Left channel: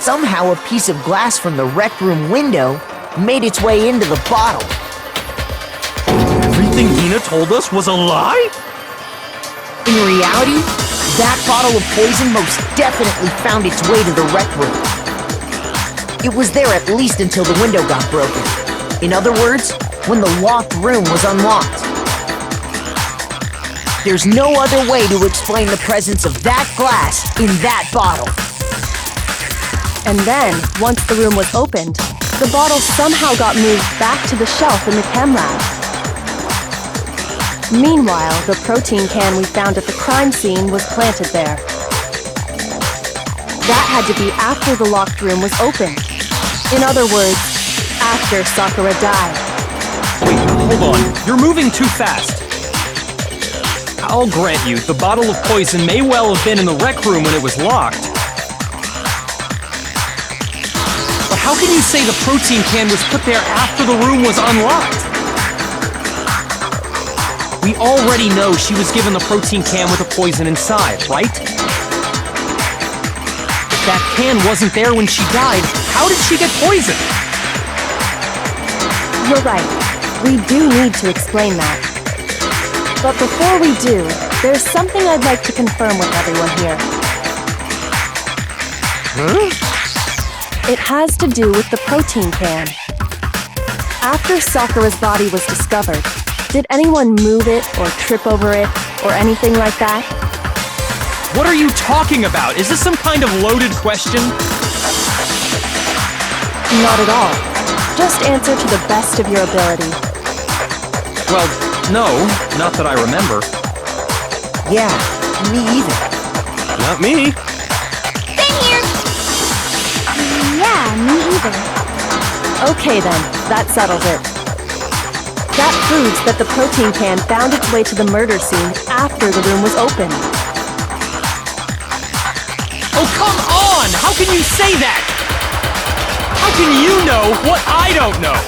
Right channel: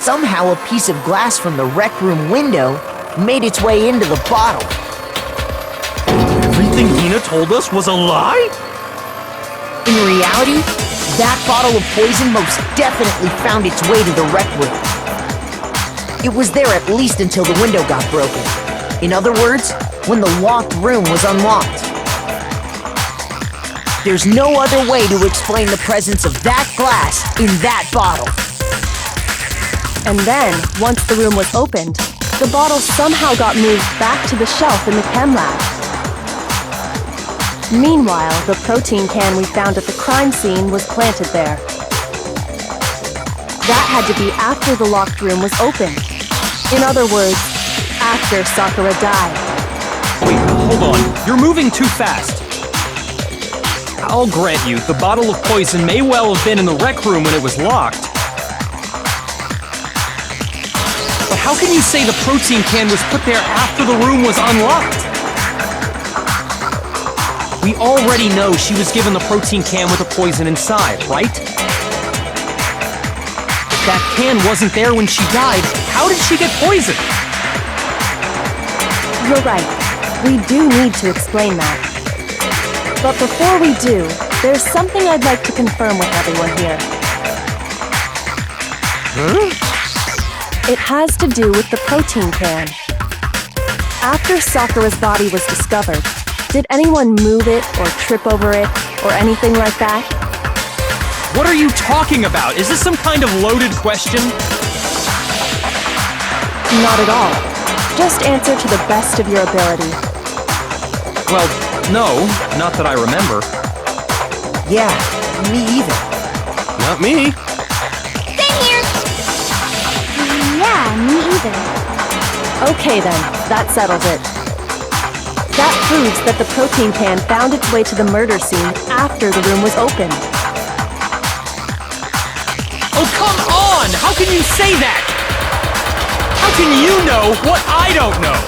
Somehow a piece of glass from the rec room window made its way into the bottle. Everything Nina told us was a lie? In reality, that bottle of poison most definitely found its way to the rec room. It was there at least until the window got broken. In other words, when the locked room was unlocked. There's no other way to explain the presence of that glass in that bottle. And then, once the room was opened, the bottle somehow got moved back to the shelf in the chem lab. Meanwhile, the protein can we found at the crime scene was planted there. That had to be after the locked room was opened. In other words, after Sakura died. Wait, hold on. You're moving too fast. I'll grant you, the bottle of poison may well have been in the rec room when it was locked. But how can you say the protein can was put there after the room was unlocked? We already know she was given the protein can with the poison inside, right? If that can wasn't there when she died, how did she get poisoned? You're right. We do need to explain that. But before we do, there's something I'd like to confirm with everyone here. Huh? It has to do with the protein can. After Sakura's body was discovered, did anyone move it or trip over it or anything like that? What are you talking about? Is this some kind of loaded question? Not at all. Just answer to the best of your ability. Well, no, not that I remember. Yeah, me either. Not me. Same here! Yeah, me either. Okay then, that settles it. That proves that the protein can found its way to the murder scene after the room was opened. Oh, come on! How can you say that? How can you know what I don't know?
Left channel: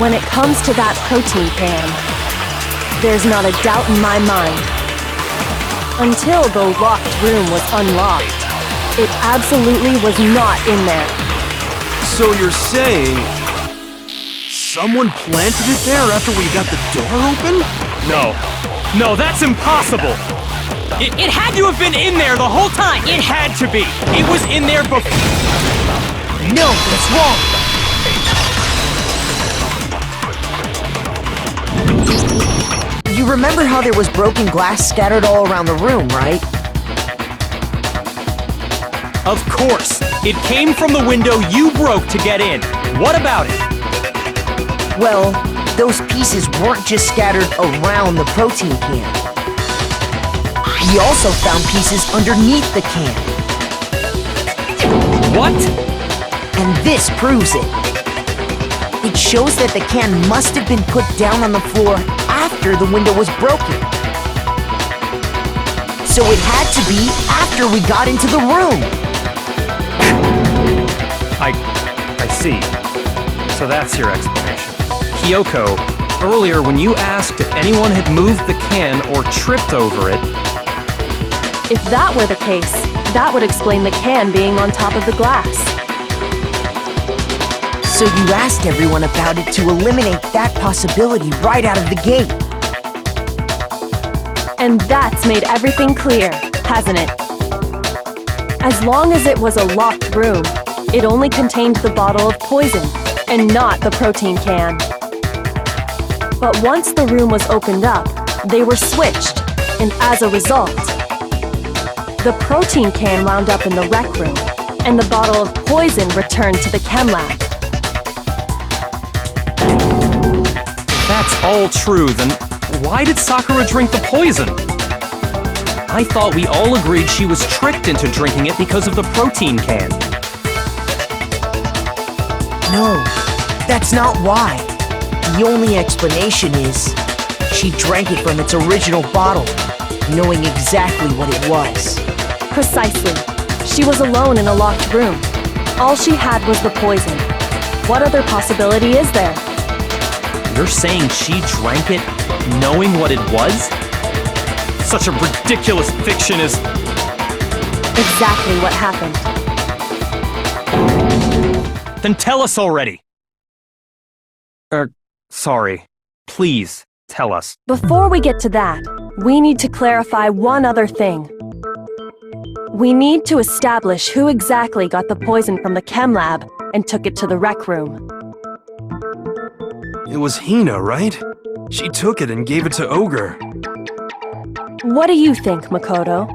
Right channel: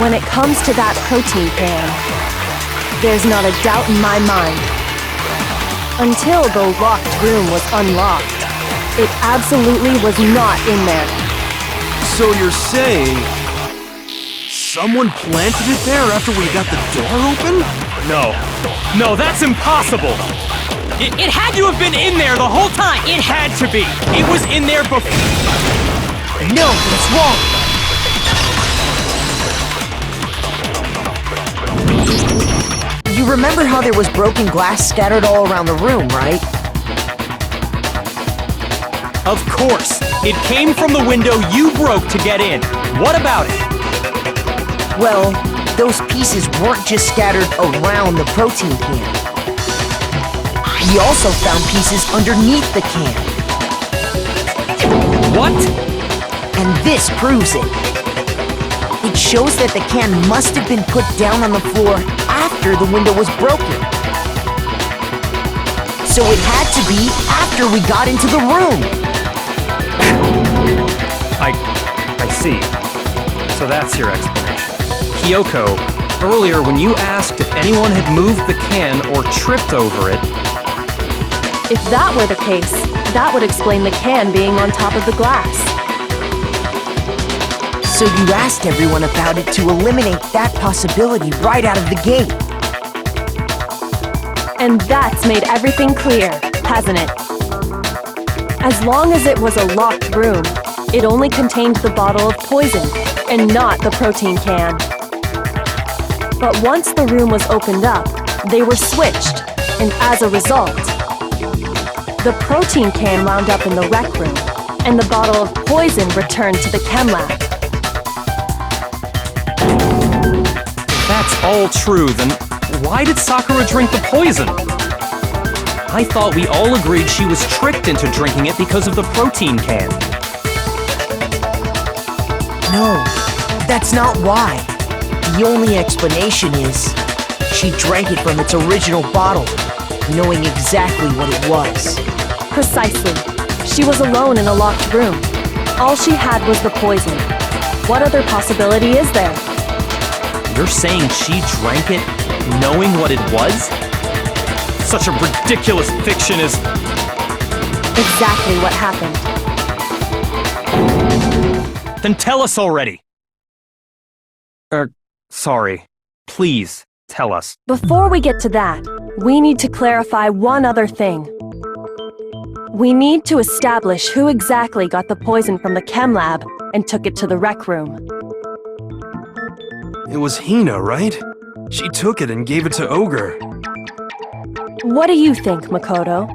When it comes to that protein can, there's not a doubt in my mind. Until the locked room was unlocked, it absolutely was not in there. So you're saying someone planted it there after we got the door open? No, that's impossible! It had to have been in there the whole time! It had to be! It was in there before... No, that's wrong! You remember how there was broken glass scattered all around the room, right? Of course! It came from the window you broke to get in. What about it? Well, those pieces weren't just scattered around the protein can. We also found pieces underneath the can. What? And this proves it. It shows that the can must have been put down on the floor after the window was broken. So it had to be after we got into the room. I see. So that's your explanation. Kyoko, earlier when you asked if anyone had moved the can or tripped over it... If that were the case, that would explain the can being on top of the glass. So you asked everyone about it to eliminate that possibility right out of the gate. And that's made everything clear, hasn't it? As long as it was a locked room, it only contained the bottle of poison, and not the protein can. But once the room was opened up, they were switched, and as a result, the protein can wound up in the rec room, and the bottle of poison returned to the chem lab. If that's all true, then why did Sakura drink the poison? I thought we all agreed she was tricked into drinking it because of the protein can. No, that's not why. The only explanation is she drank it from its original bottle, knowing exactly what it was. Precisely. She was alone in a locked room. All she had was the poison. What other possibility is there? You're saying she drank it knowing what it was? Such a ridiculous fiction is... Exactly what happened. Then tell us already! Sorry. Please, tell us. Before we get to that, we need to clarify one other thing. We need to establish who exactly got the poison from the chem lab and took it to the rec room. It was Hina, right? She took it and gave it to Ogre. What do you think, Makoto?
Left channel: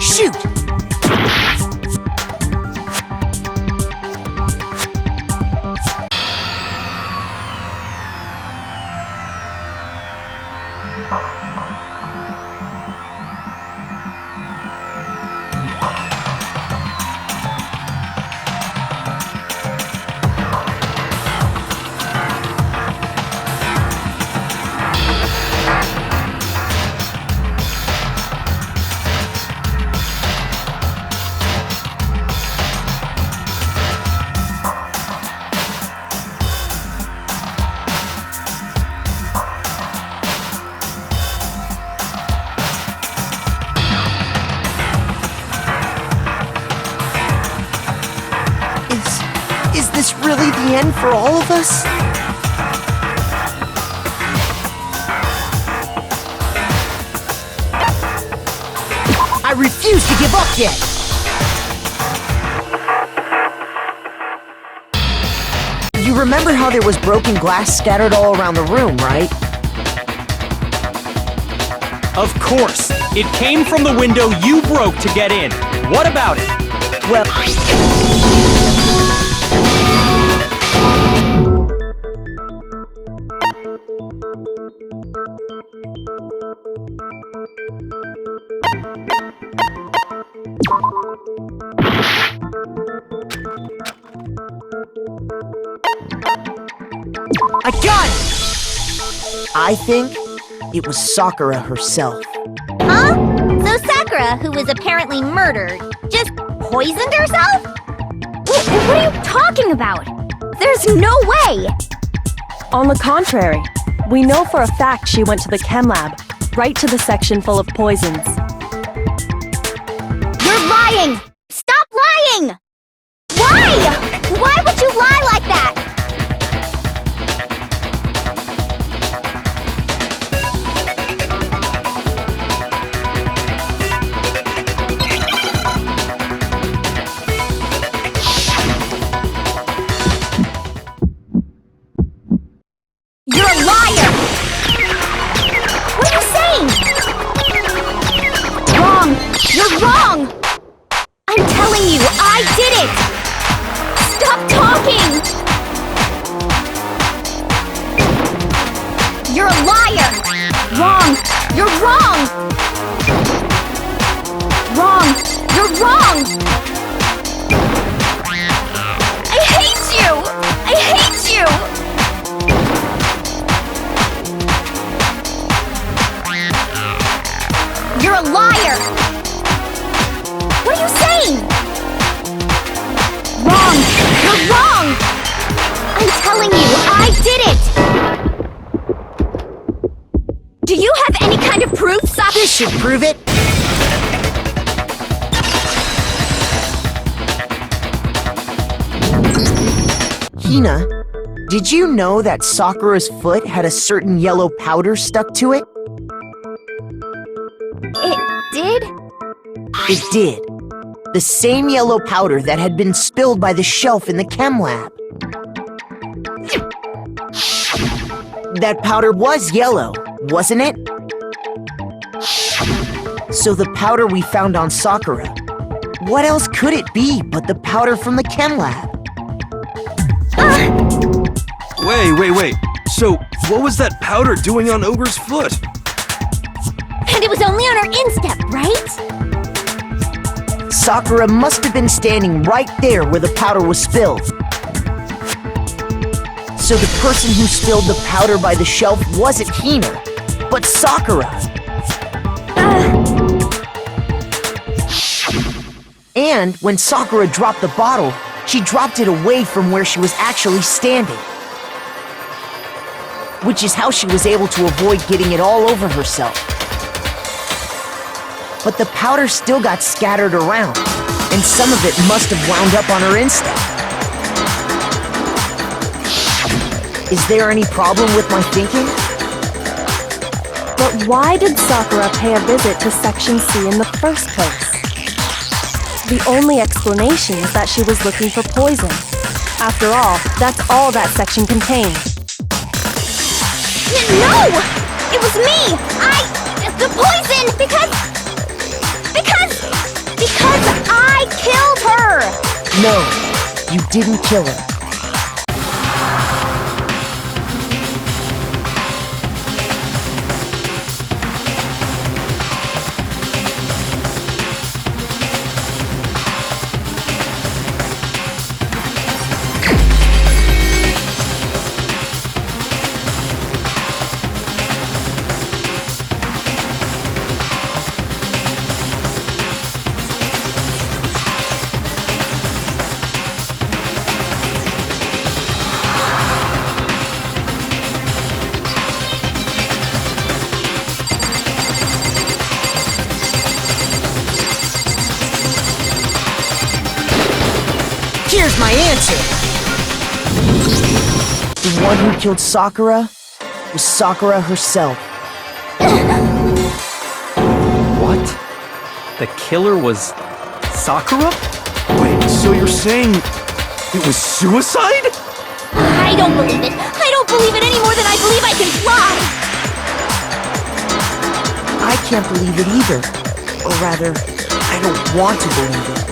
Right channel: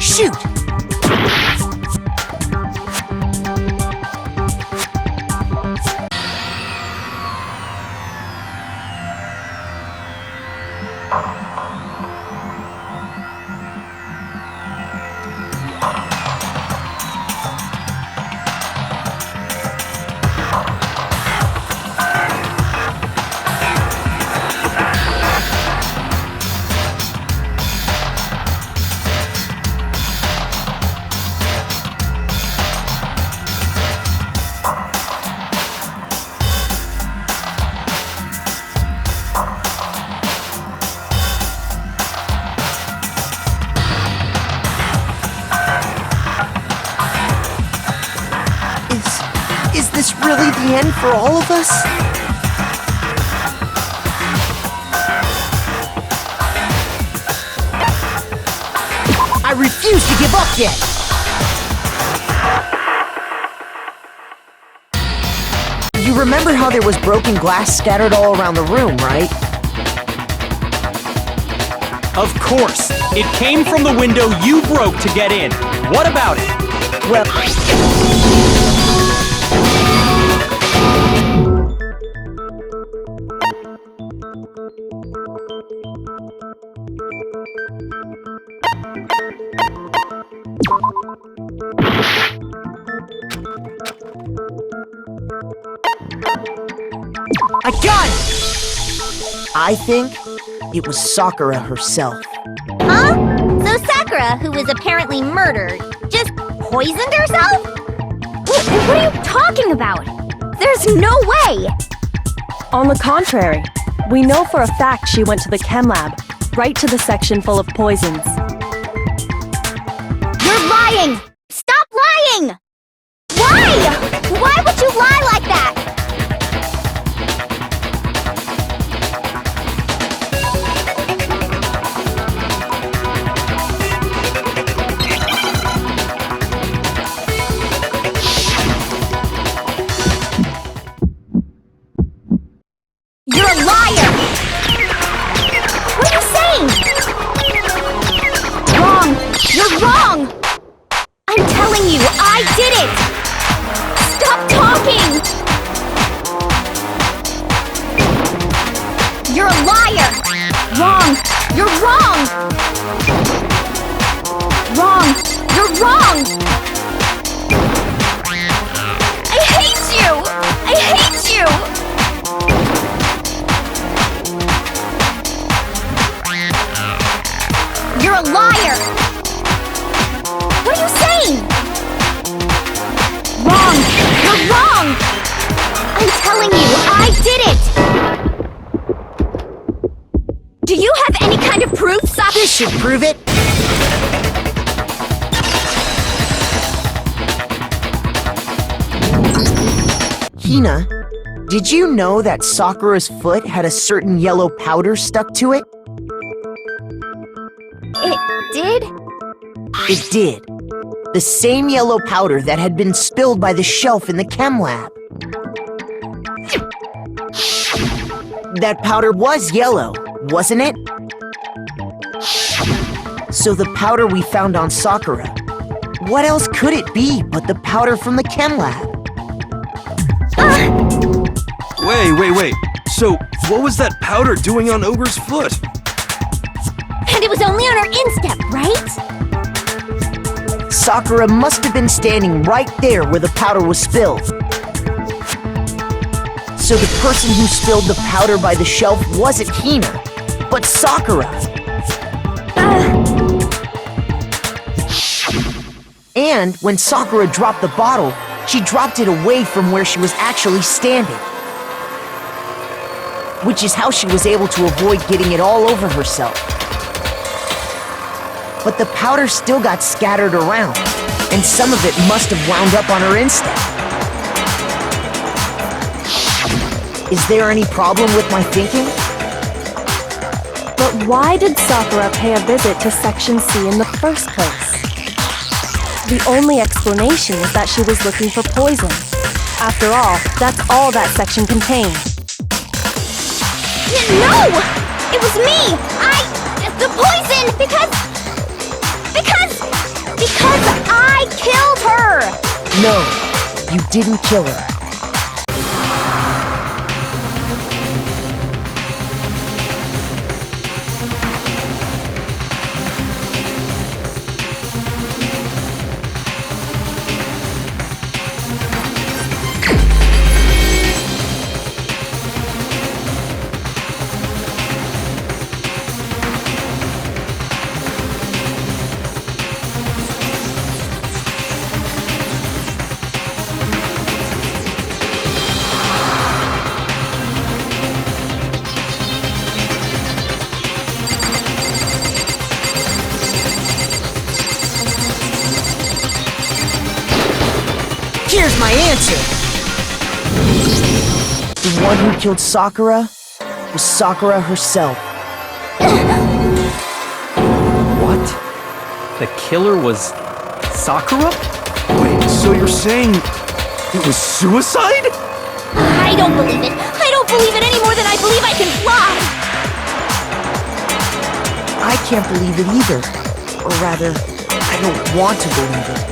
Shoot! Is this really the end for all of us? I refuse to give up yet! You remember how there was broken glass scattered all around the room, right? Of course! It came from the window you broke to get in. What about it? Well... I got it! I think it was Sakura herself. Huh? So Sakura, who was apparently murdered, just poisoned herself? What are you talking about? There's no way! On the contrary, we know for a fact she went to the chem lab, right to the section full of poisons. You're lying! Stop lying! Why? Why would you lie like that? I'm telling you, I did it! Stop talking! You're a liar! Wrong! You're wrong! Wrong! You're wrong! I hate you! I hate you! You're a liar! What are you saying? Wrong! You're wrong! I'm telling you, I did it! Do you have any kind of proof, Sakura? This should prove it. Hina, did you know that Sakura's foot had a certain yellow powder stuck to it? It did? It did. The same yellow powder that had been spilled by the shelf in the chem lab. That powder was yellow, wasn't it? So the powder we found on Sakura, what else could it be but the powder from the chem lab? Wait. So, what was that powder doing on Ogre's foot? And it was only on her instep, right? Sakura must have been standing right there where the powder was spilled. So the person who spilled the powder by the shelf wasn't Hina, but Sakura. And when Sakura dropped the bottle, she dropped it away from where she was actually standing. Which is how she was able to avoid getting it all over herself. But the powder still got scattered around, and some of it must have wound up on her instep. Is there any problem with my thinking? But why did Sakura pay a visit to Section C in the first place? The only explanation is that she was looking for poison. After all, that's all that section contained. No! It was me! The poison! Because I killed her! No, you didn't kill her. Here's my answer! The one who killed Sakura was Sakura herself. What? The killer was Sakura? Wait, so you're saying it was suicide? I don't believe it! I don't believe it any more than I believe I can fly! I can't believe it either. Or rather, I don't want to believe it.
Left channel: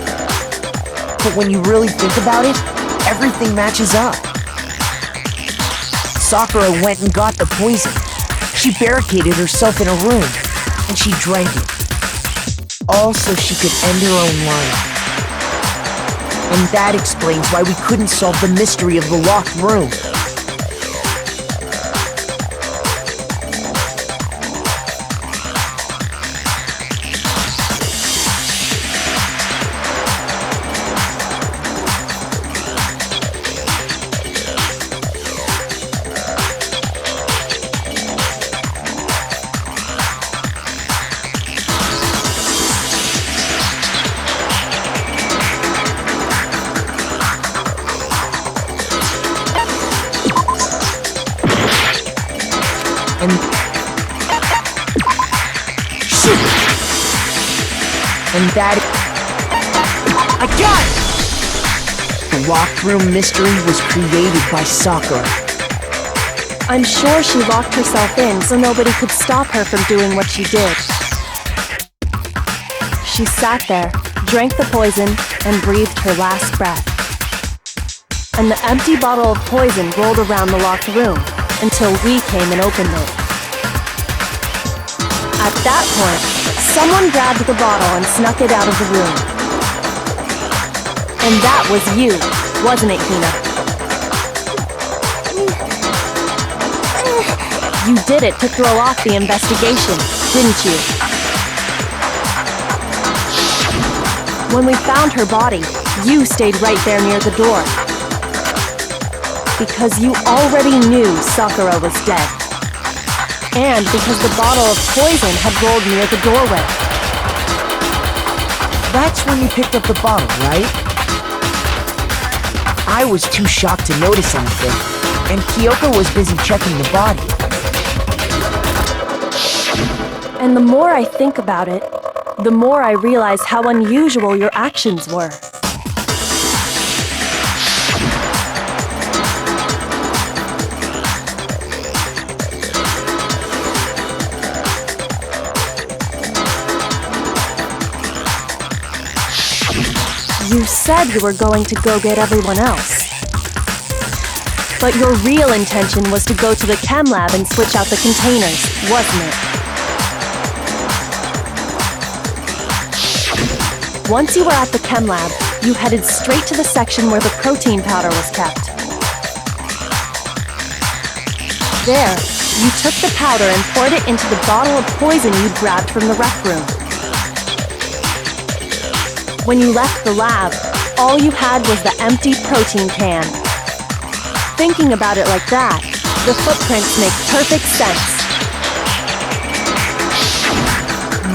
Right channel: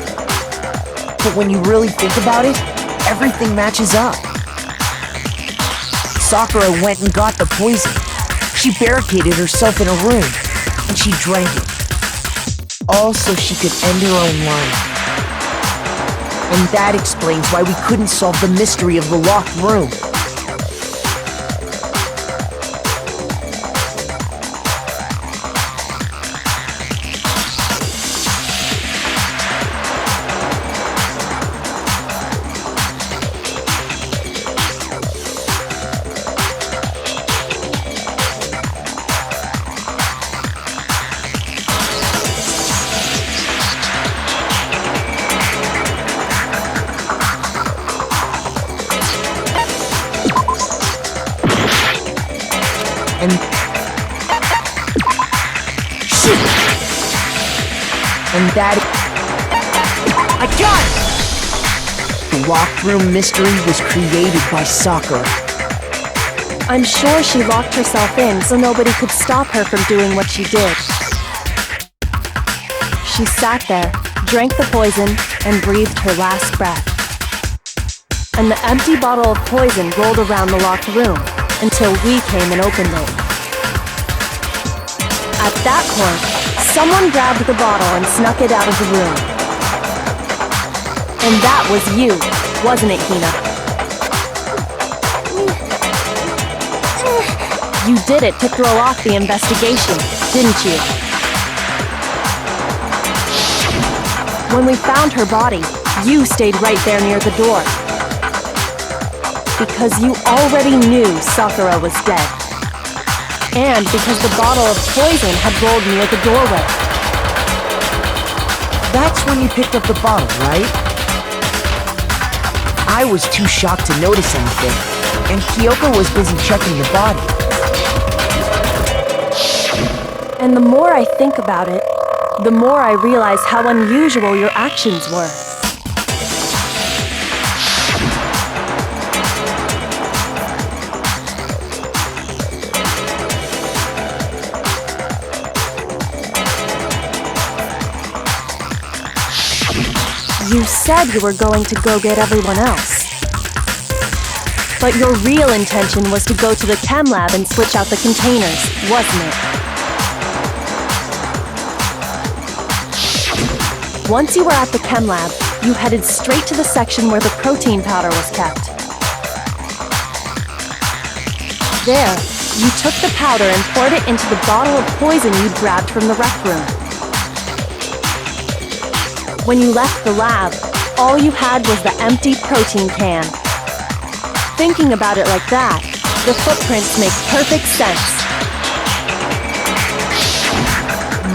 But when you really think about it, everything matches up. Sakura went and got the poison. She barricaded herself in a room, and she drank it. All so she could end her own life. And that explains why we couldn't solve the mystery of the locked room. And... shoot! And that... I got it! The locked room mystery was created by Sakura. I'm sure she locked herself in so nobody could stop her from doing what she did. She sat there, drank the poison, and breathed her last breath. And the empty bottle of poison rolled around the locked room until we came and opened it. At that point, someone grabbed the bottle and snuck it out of the room. And that was you, wasn't it, Hina? You did it to throw off the investigation, didn't you? When we found her body, you stayed right there near the door. Because you already knew Sakura was dead. And because the bottle of poison had rolled near the doorway. That's when you picked up the bottle, right? I was too shocked to notice anything, and Kyoko was busy checking the body. And the more I think about it, the more I realize how unusual your actions were. You said you were going to go get everyone else. But your real intention was to go to the chem lab and switch out the containers, wasn't it? Once you were at the chem lab, you headed straight to the section where the protein powder was kept. There, you took the powder and poured it into the bottle of poison you'd grabbed from the rec room. When you left the lab, all you had was the empty protein can. Thinking about it like that, the footprints make perfect sense.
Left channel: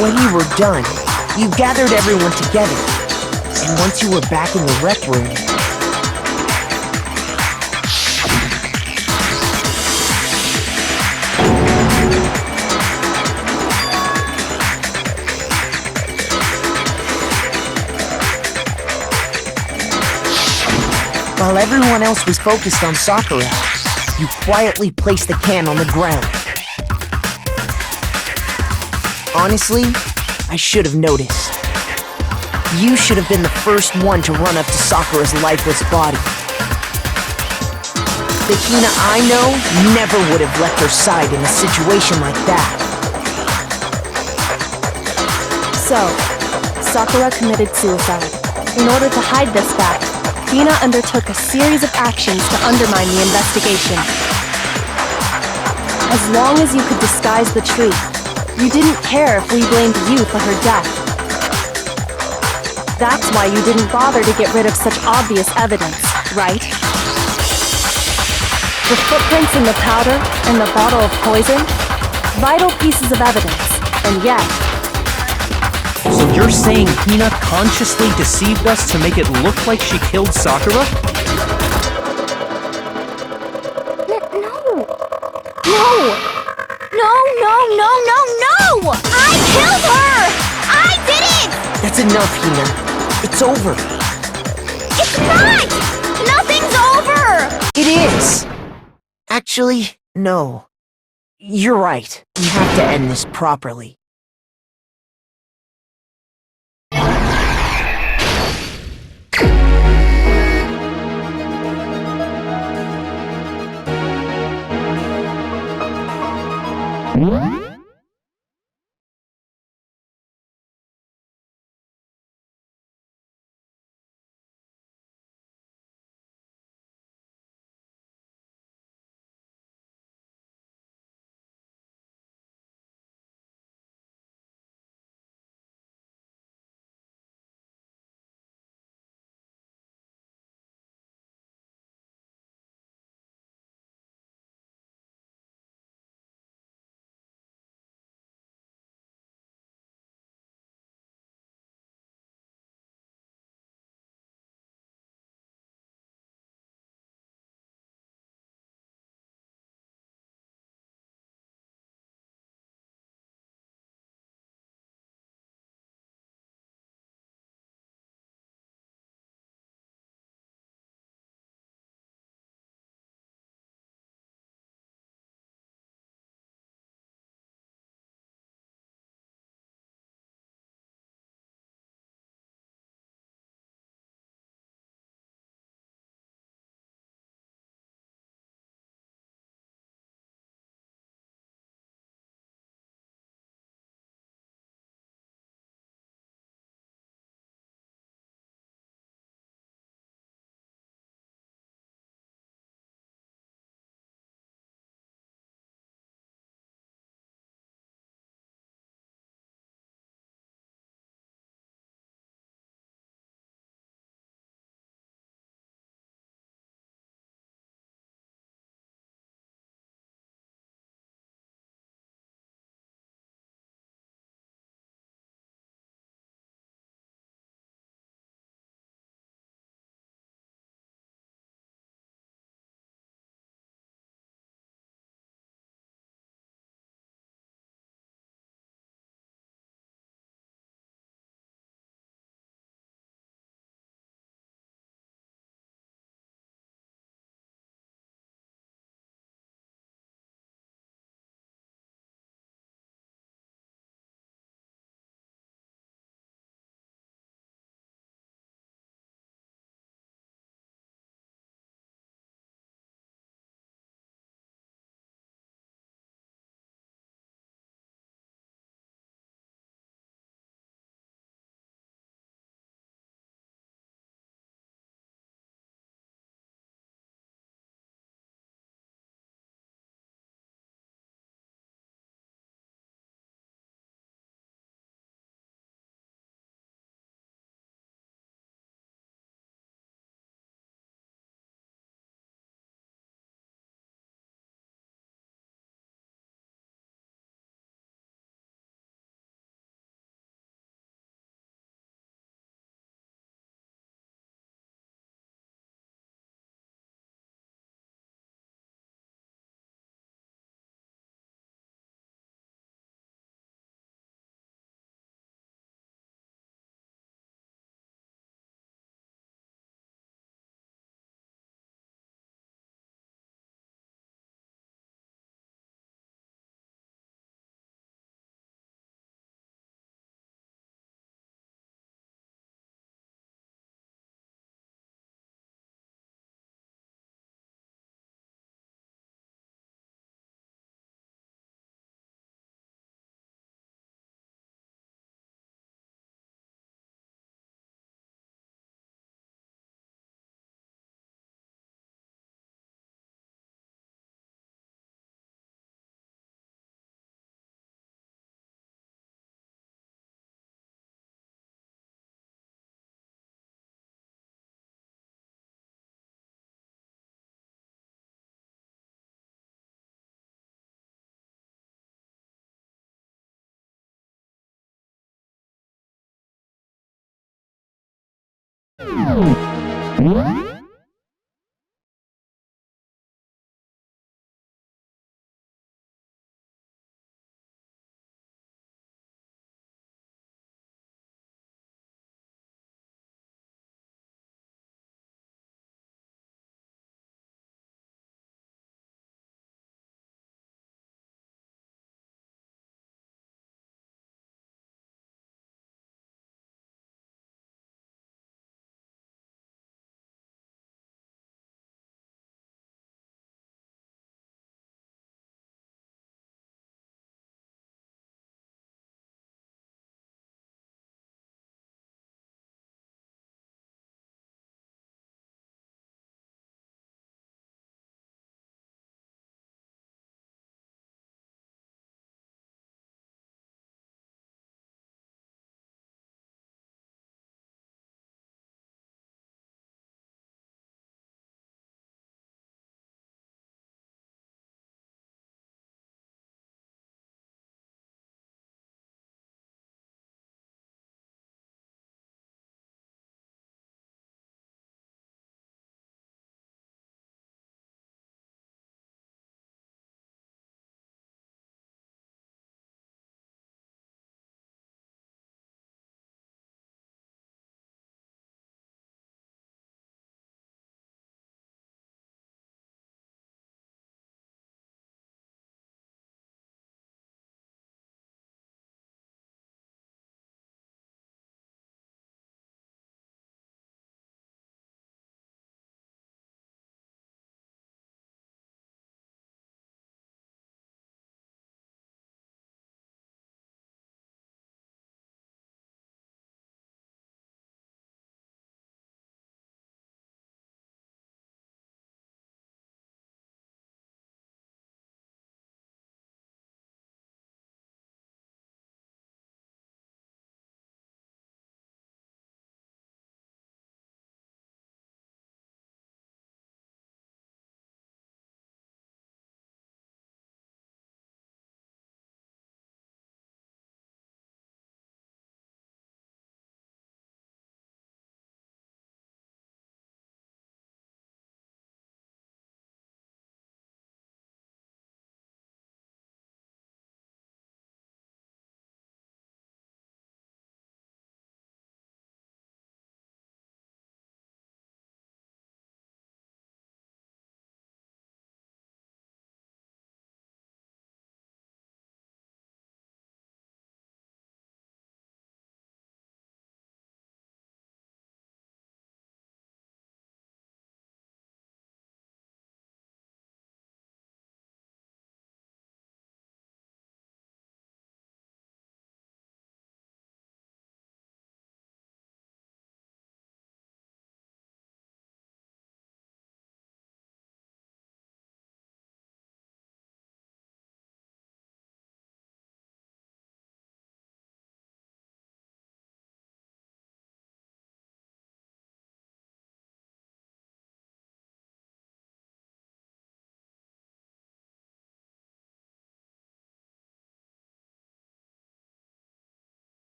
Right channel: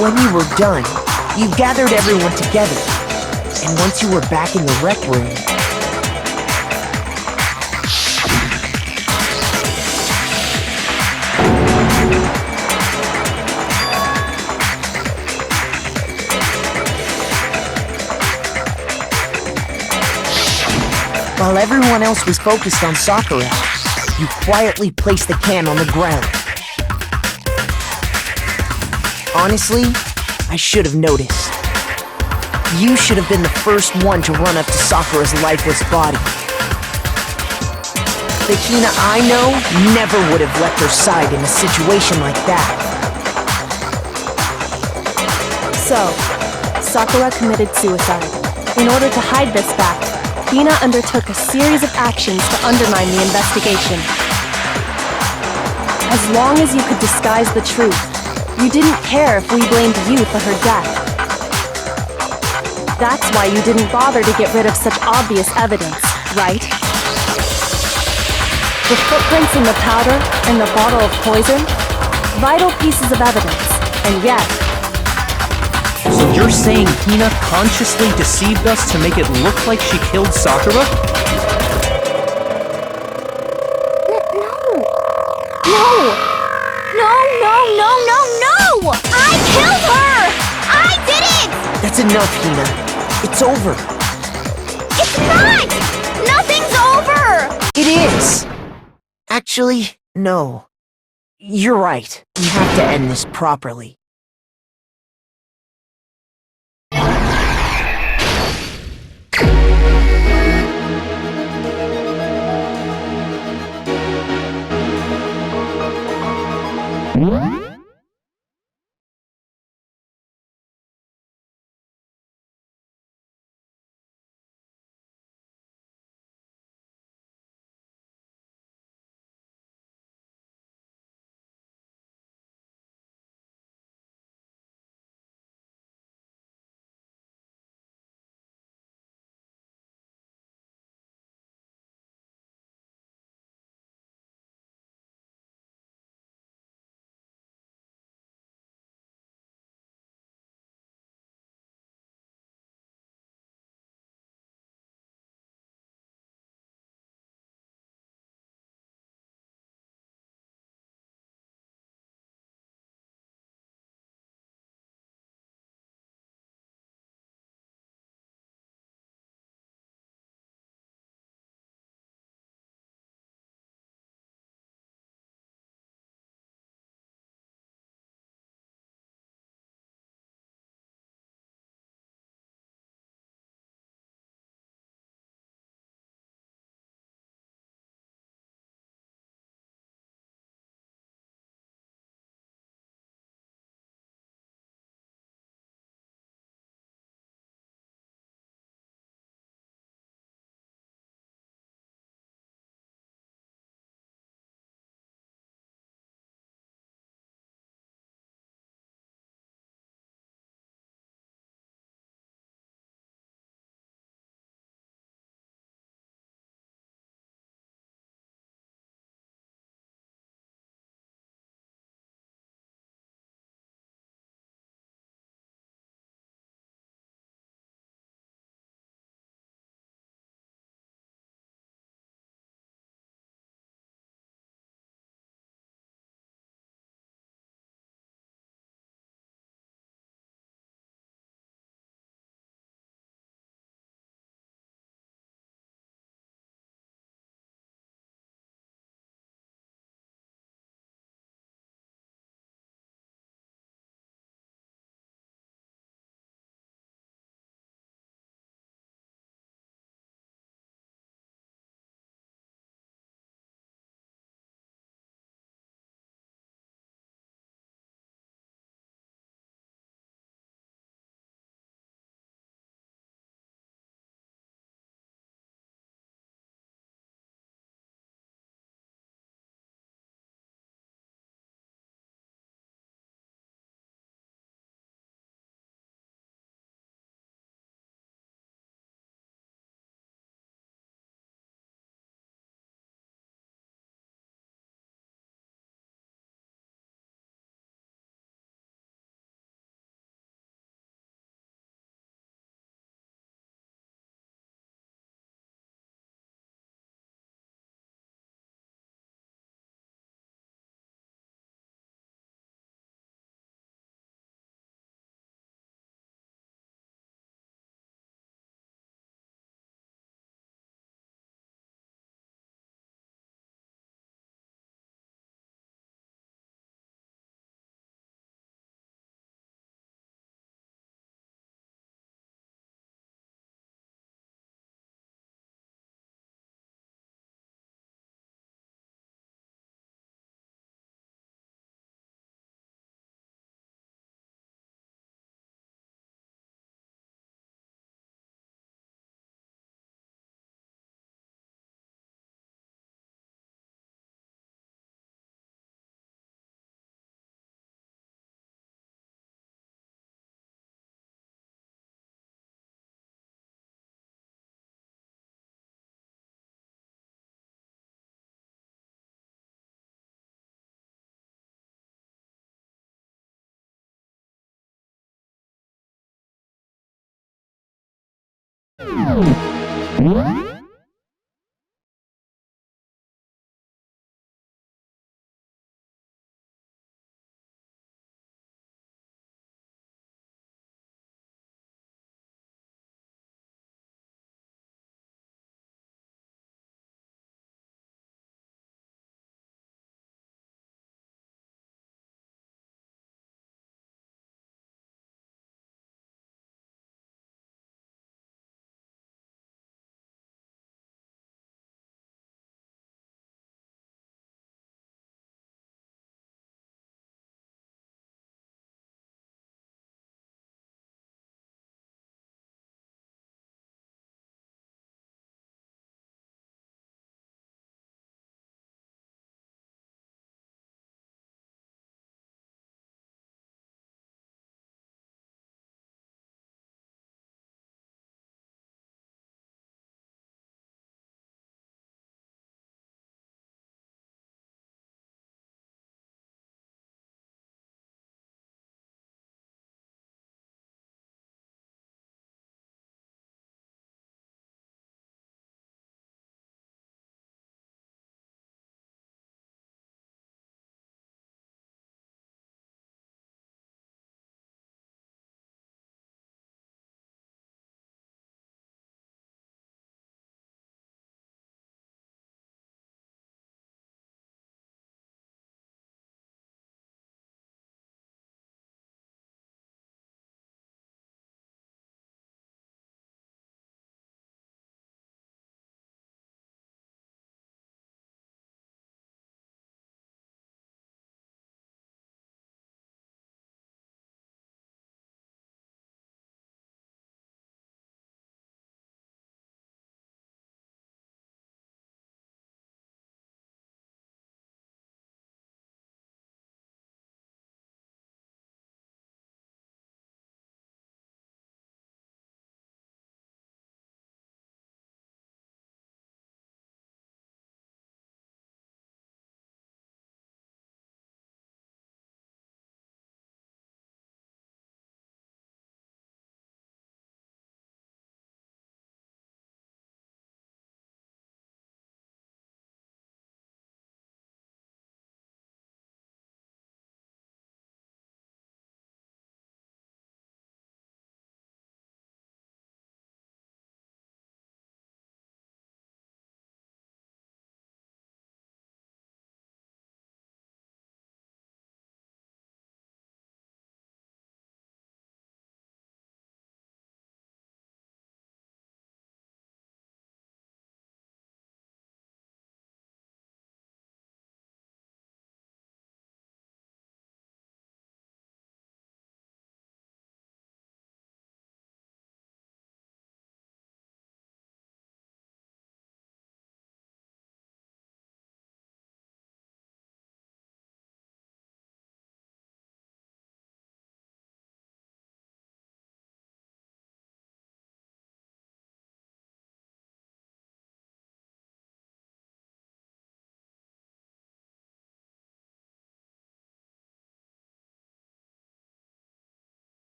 When you were done, you gathered everyone together. And once you were back in the rec room, while everyone else was focused on Sakura, you quietly placed the can on the ground. Honestly, I should have noticed. You should have been the first one to run up to Sakura's lifeless body. The Hina I know never would have left her side in a situation like that. So, Sakura committed suicide. In order to hide this fact, Hina undertook a series of actions to undermine the investigation. As long as you could disguise the truth, you didn't care if we blamed you for her death. That's why you didn't bother to get rid of such obvious evidence, right? The footprints in the powder and the bottle of poison? Vital pieces of evidence, and yet... So you're saying Hina consciously deceived us to make it look like she killed Sakura? No. I killed her! I did it! That's enough, Hina. It's over. It's not! Nothing's over! It is! Actually, no. You're right. We have to end this properly.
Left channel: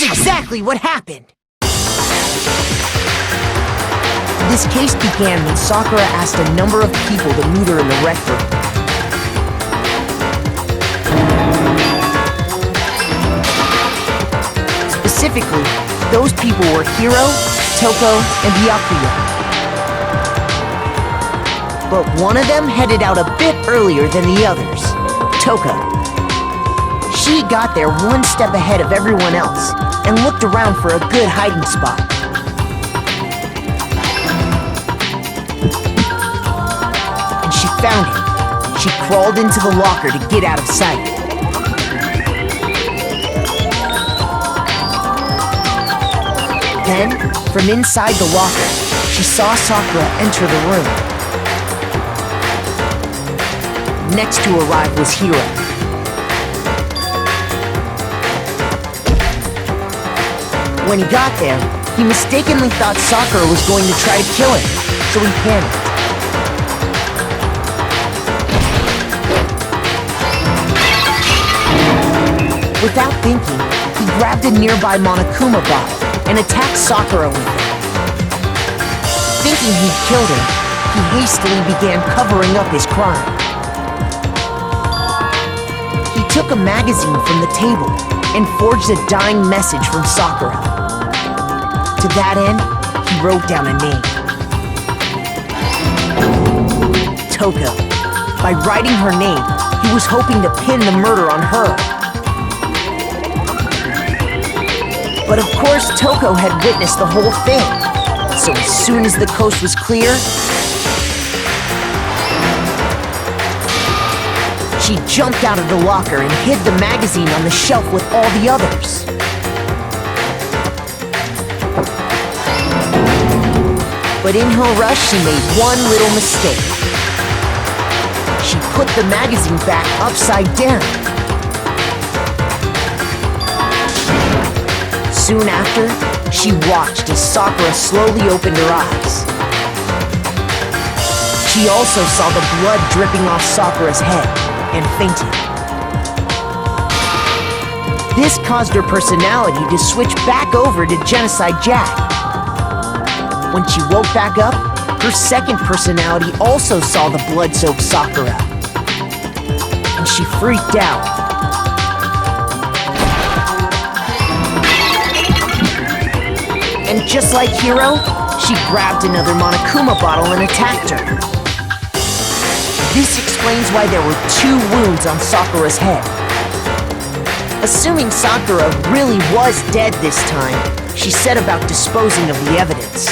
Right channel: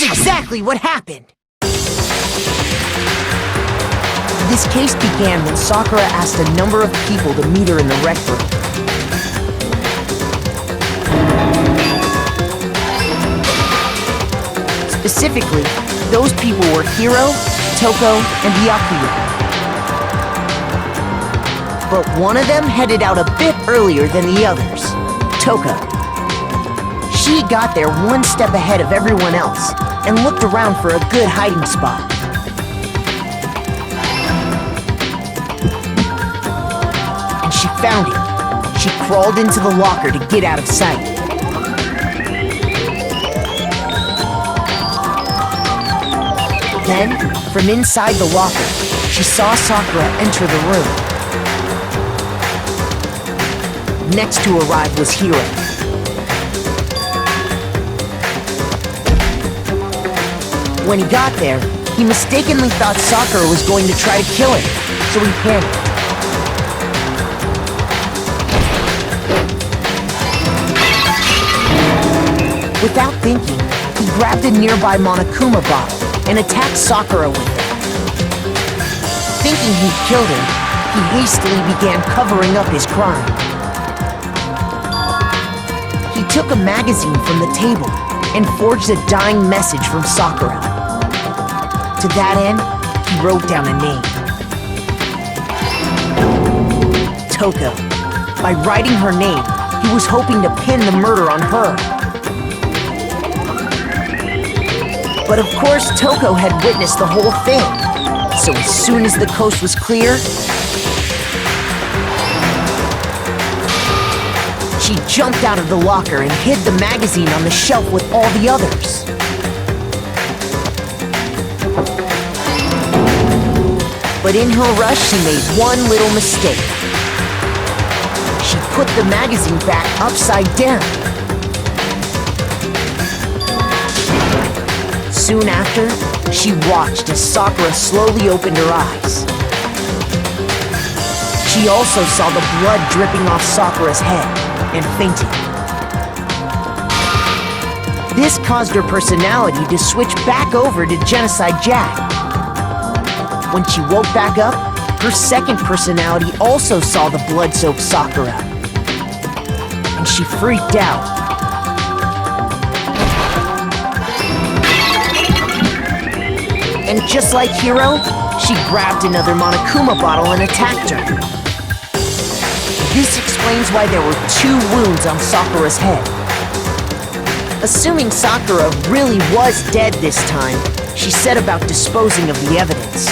Here's exactly what happened. This case began when Sakura asked a number of people to meet her in the rec room. Specifically, those people were Hiro, Toko, and Byakuya. But one of them headed out a bit earlier than the others, Toka. She got there one step ahead of everyone else and looked around for a good hiding spot. And she found it. She crawled into the locker to get out of sight. Then, from inside the locker, she saw Sakura enter the room. Next to arrive was Hiro. When he got there, he mistakenly thought Sakura was going to try to kill him, so he panicked. Without thinking, he grabbed a nearby Monokuma bottle and attacked Sakura with it. Thinking he'd killed her, he hastily began covering up his crime. He took a magazine from the table and forged a dying message from Sakura. To that end, he wrote down a name. Toko. By writing her name, he was hoping to pin the murder on her. But of course, Toko had witnessed the whole thing. So as soon as the coast was clear, she jumped out of the locker and hid the magazine on the shelf with all the others. But in her rush, she made one little mistake. She put the magazine back upside down. Soon after, she watched as Sakura slowly opened her eyes. She also saw the blood dripping off Sakura's head and fainted. This caused her personality to switch back over to Genocide Jack. When she woke back up, her second personality also saw the blood-soaked Sakura. And she freaked out. And just like Hiro, she grabbed another Monokuma bottle and attacked her. This explains why there were 2 wounds on Sakura's head. Assuming Sakura really was dead this time, she set about disposing of the evidence.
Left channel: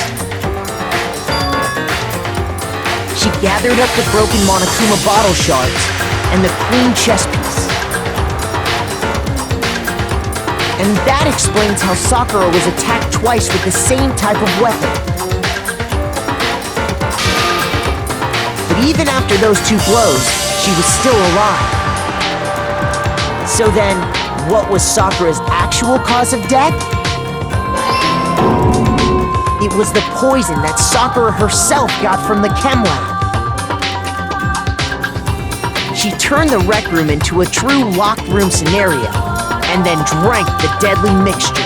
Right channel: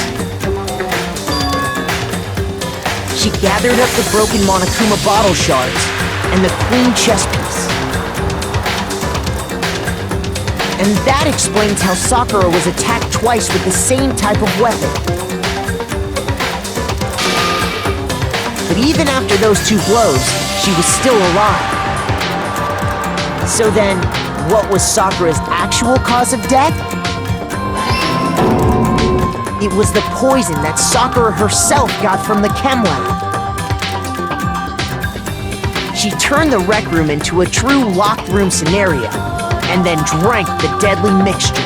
She gathered up the broken Monokuma bottle shards and the queen chess piece. And that explains how Sakura was attacked twice with the same type of weapon. But even after those 2 blows, she was still alive. So then, what was Sakura's actual cause of death? It was the poison that Sakura herself got from the chem lab. She turned the rec room into a true locked room scenario, and then drank the deadly mixture.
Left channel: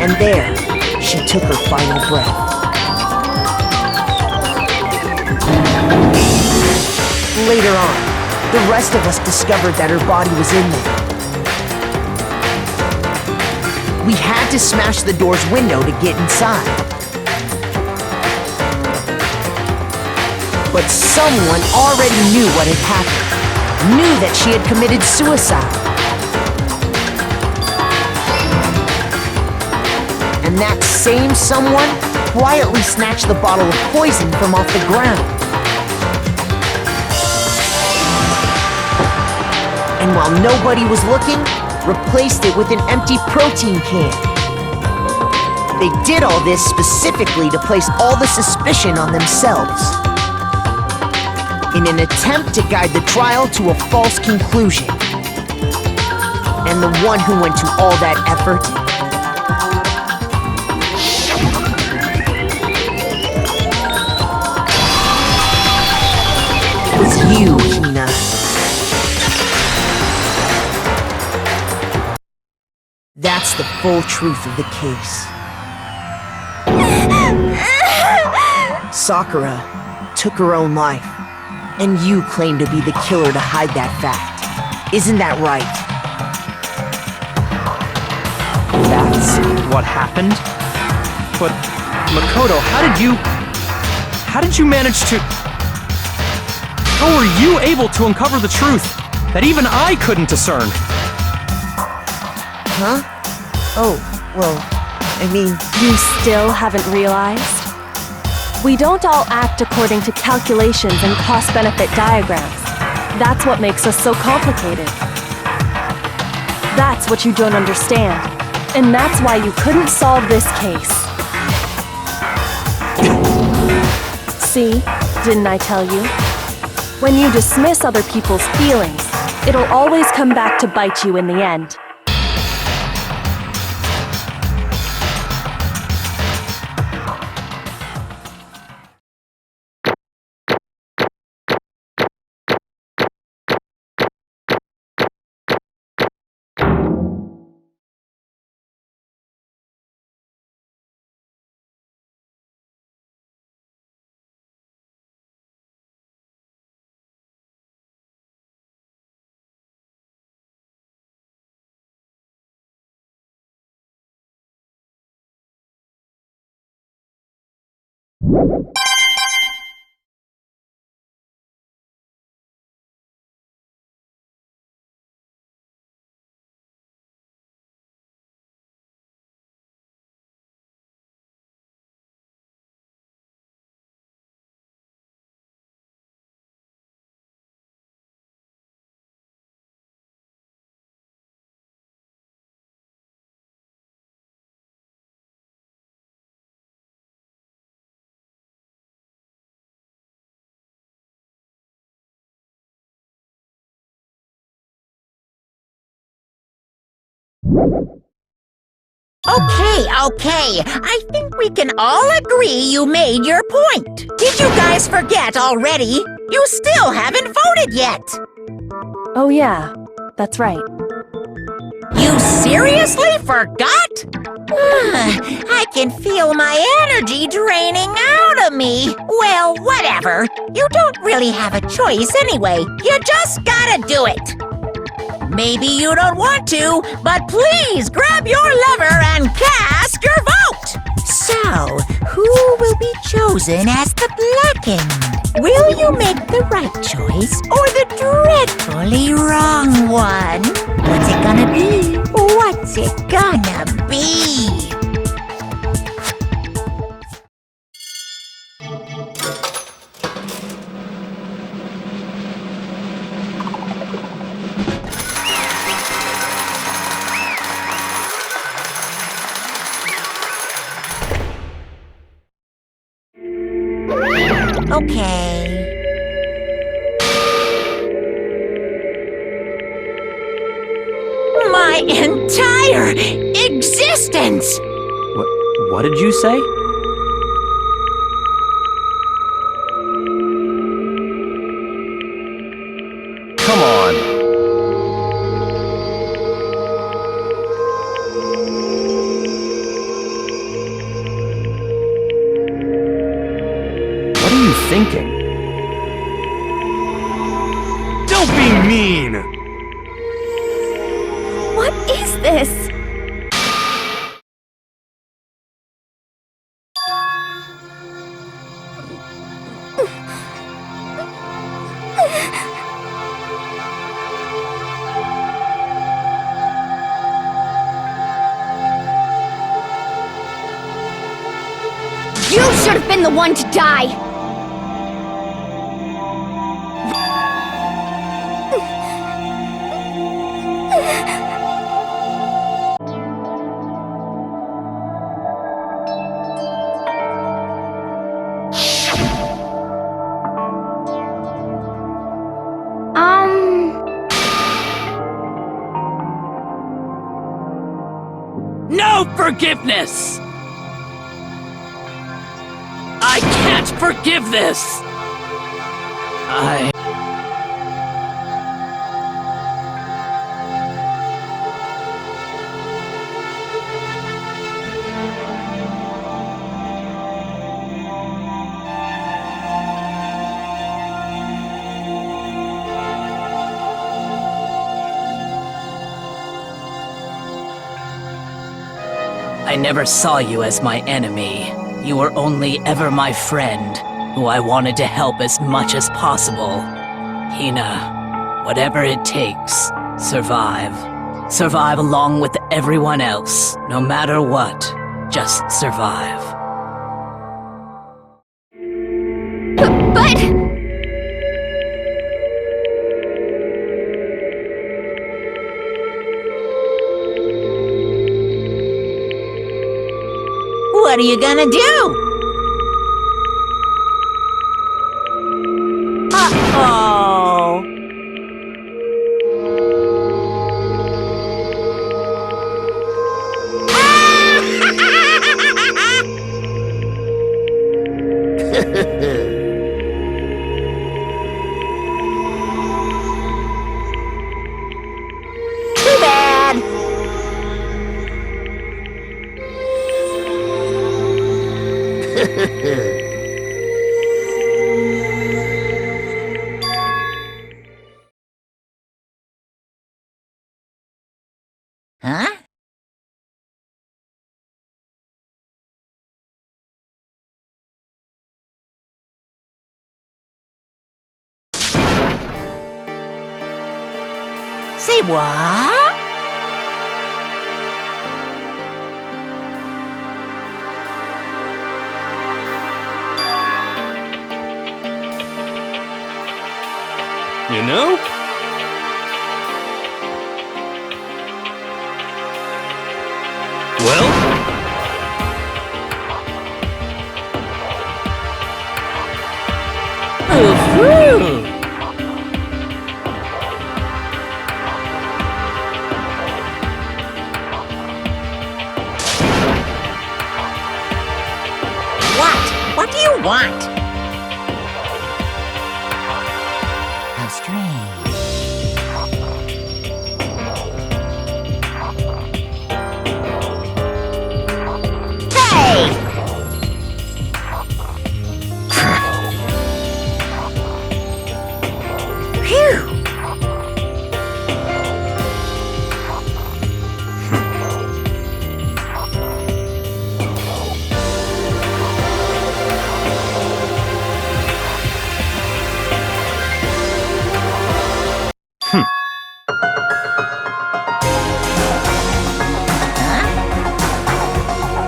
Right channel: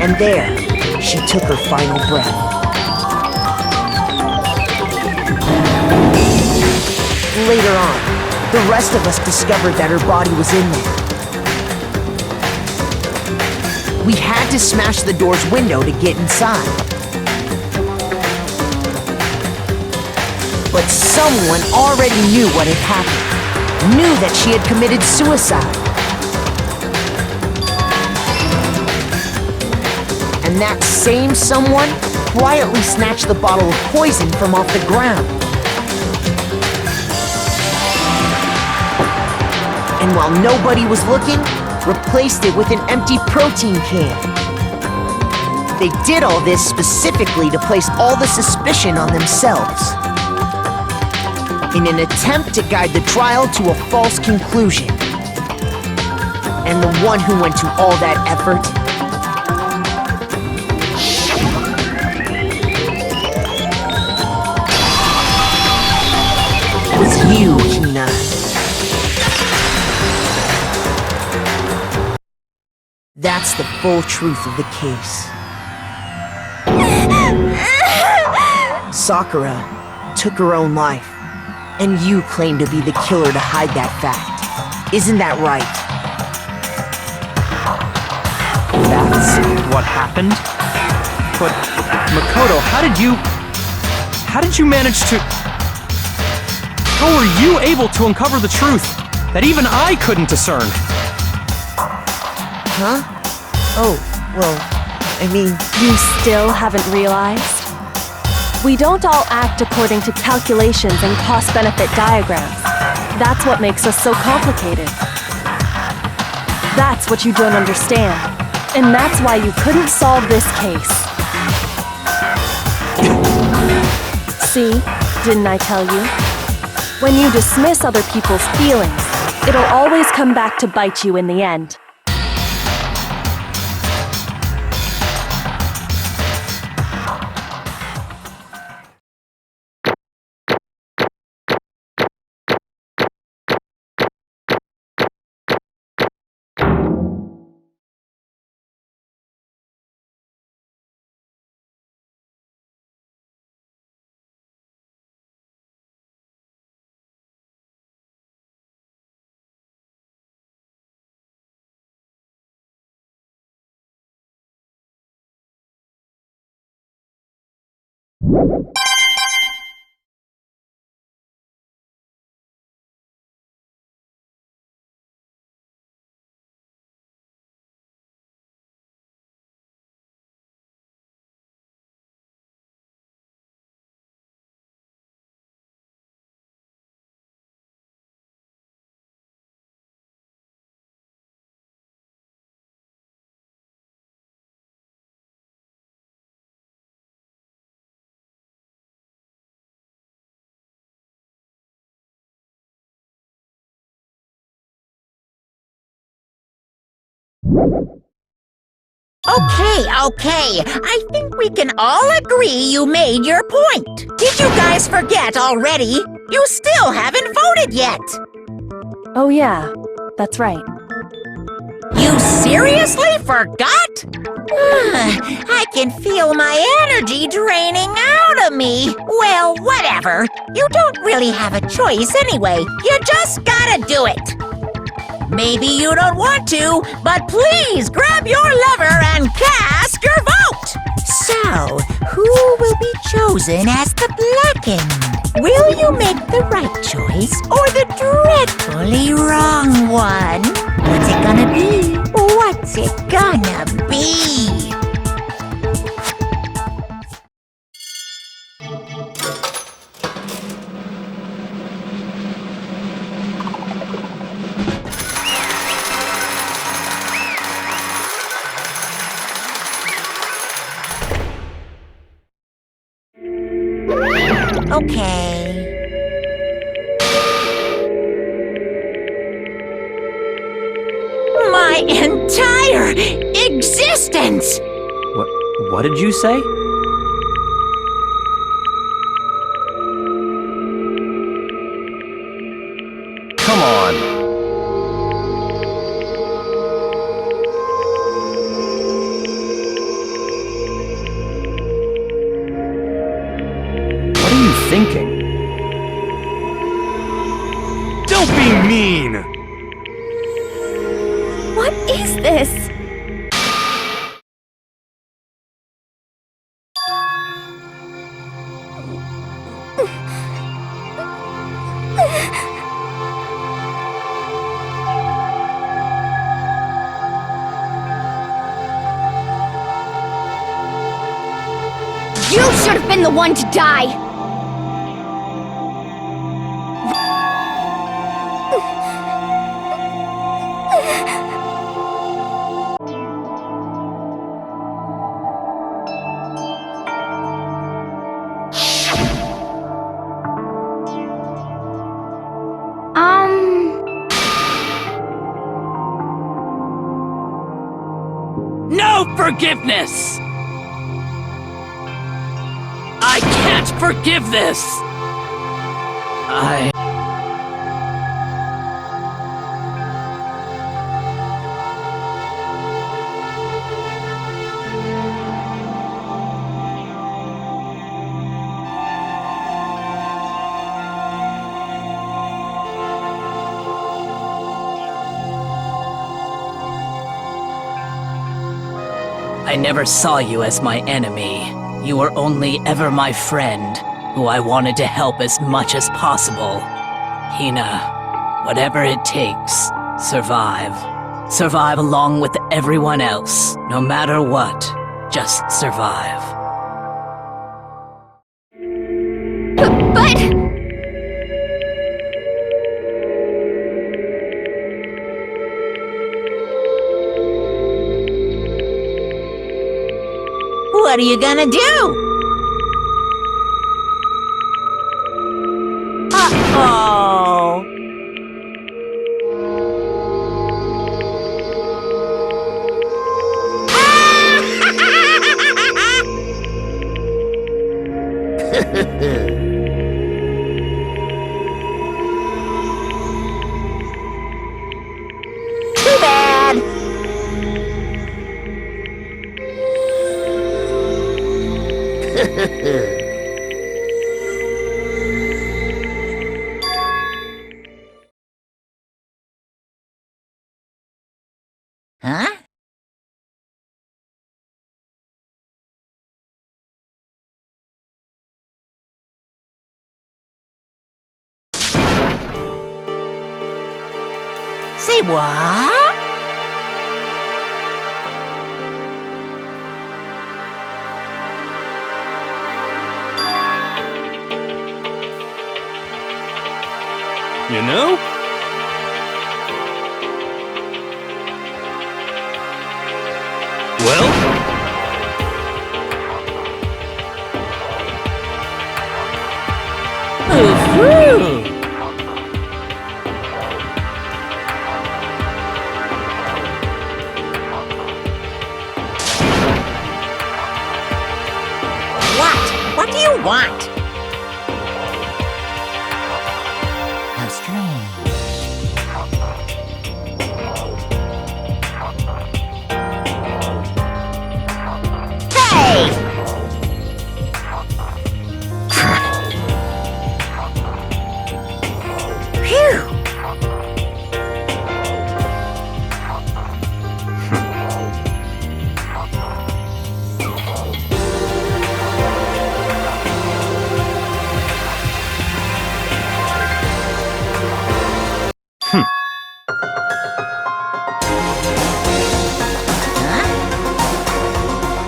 And there, she took her final breath. Later on, the rest of us discovered that her body was in there. We had to smash the door's window to get inside. But someone already knew what had happened. Knew that she had committed suicide. And that same someone quietly snatched the bottle of poison from off the ground. And while nobody was looking, replaced it with an empty protein can. They did all this specifically to place all the suspicion on themselves, in an attempt to guide the trial to a false conclusion. And the one who went to all that effort was you, Hina. That's the full truth of the case. Sakura took her own life, and you claim to be the killer to hide that fact. Isn't that right? That's what happened? But, Makoto, how did you manage to... How were you able to uncover the truth that even I couldn't discern? Huh? Oh, well, I mean... You still haven't realized? We don't all act according to calculations and cost-benefit diagrams. That's what makes us so complicated. That's what you don't understand. And that's why you couldn't solve this case. See? Didn't I tell you? When you dismiss other people's feelings, it'll always come back to bite you in the end. Okay. I think we can all agree you made your point. Did you guys forget already? You still haven't voted yet. Oh yeah, that's right. You seriously forgot? I can feel my energy draining out of me. Well, whatever. You don't really have a choice anyway. You just gotta do it. Maybe you don't want to, but please grab your lever and cast your vote! So, who will be chosen as the blackened? Will you make the right choice or the dreadfully wrong one? What's it gonna be? What's it gonna be? Okay. My entire existence! What did you say? Come on. What are you thinking? Don't be mean! What is this? You should have been the one to die! No forgiveness! I can't forgive this! I never saw you as my enemy. You were only ever my friend, who I wanted to help as much as possible. Hina, whatever it takes, survive. Survive along with everyone else, no matter what. Just survive. But... What are you gonna do? Uh-oh. Too bad. Huh? Say what? You know? Well? What do you want? How strange. Hey! Phew!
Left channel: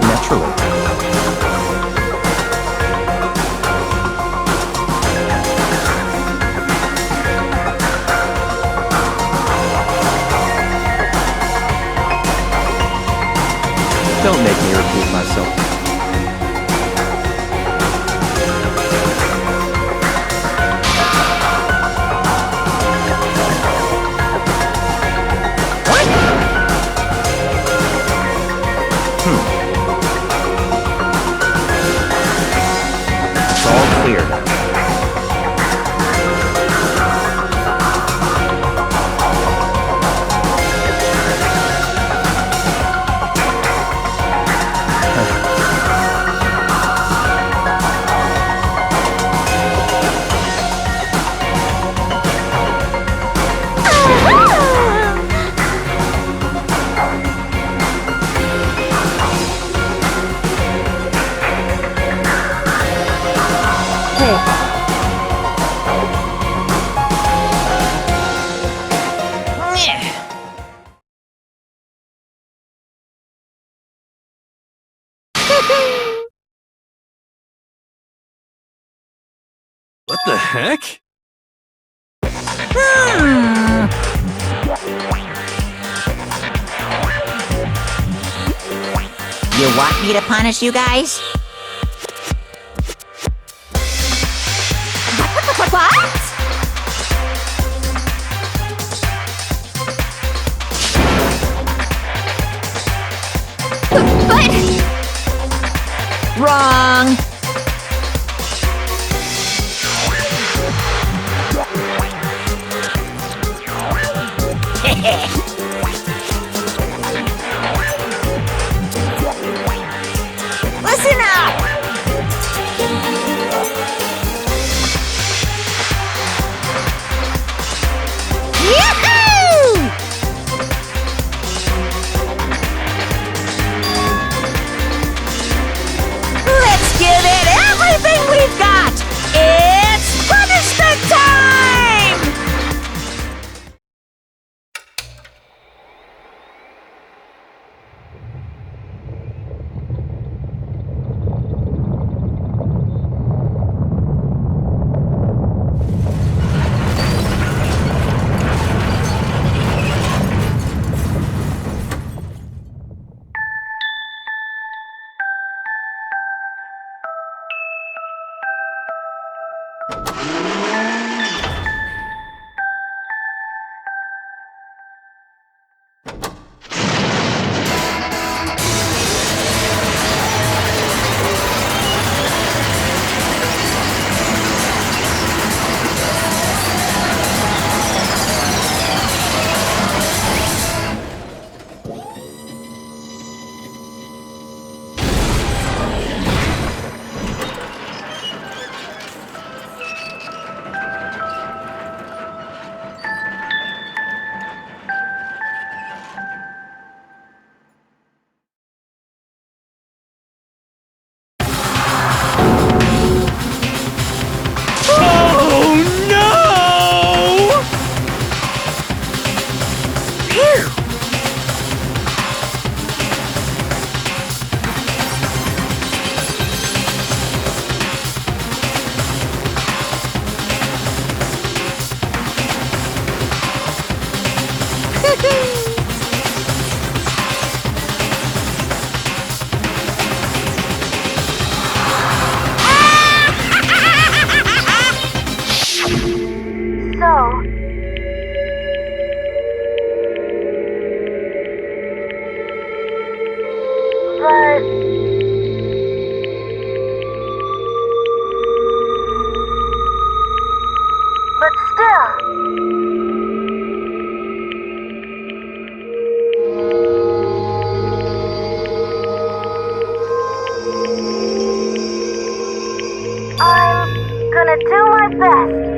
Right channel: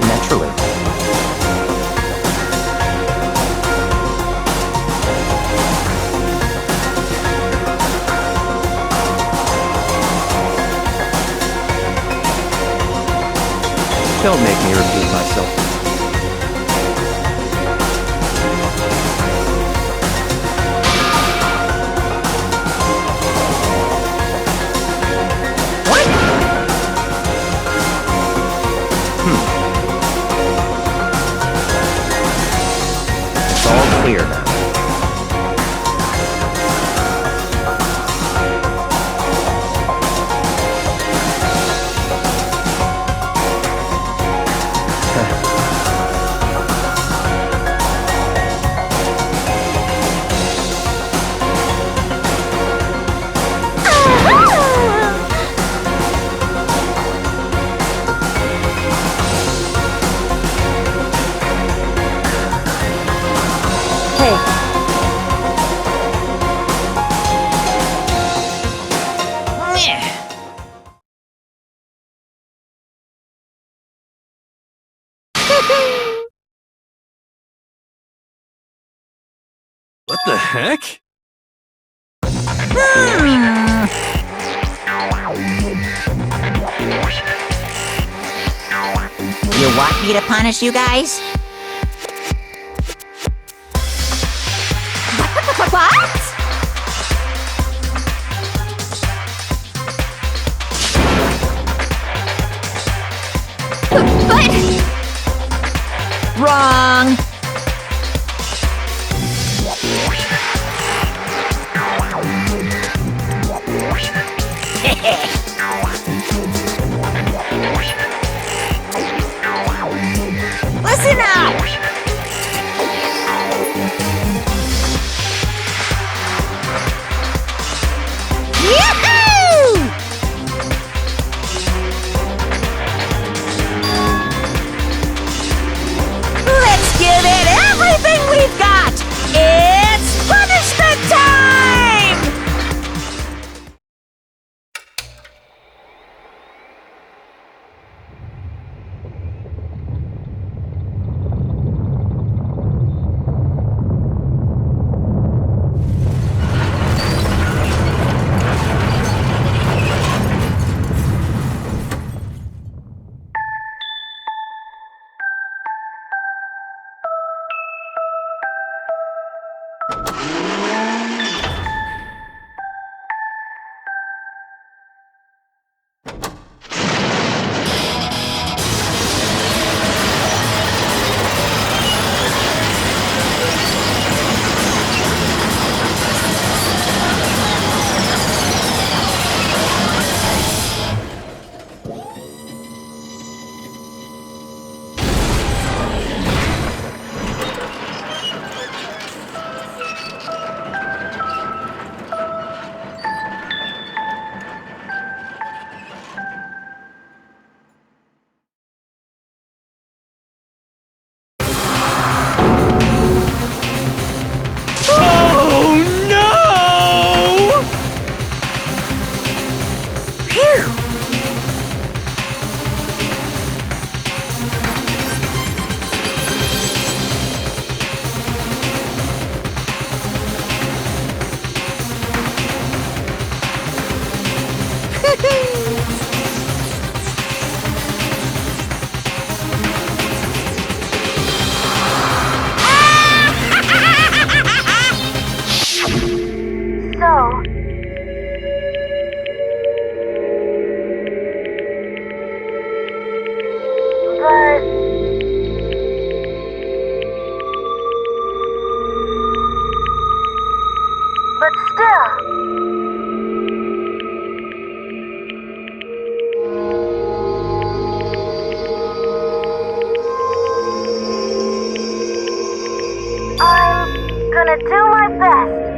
Naturally. Don't make me repeat myself. It's all clear now. What the heck? You want me to punish you guys? What? But... Wrong! Listen up! Yahoo! best.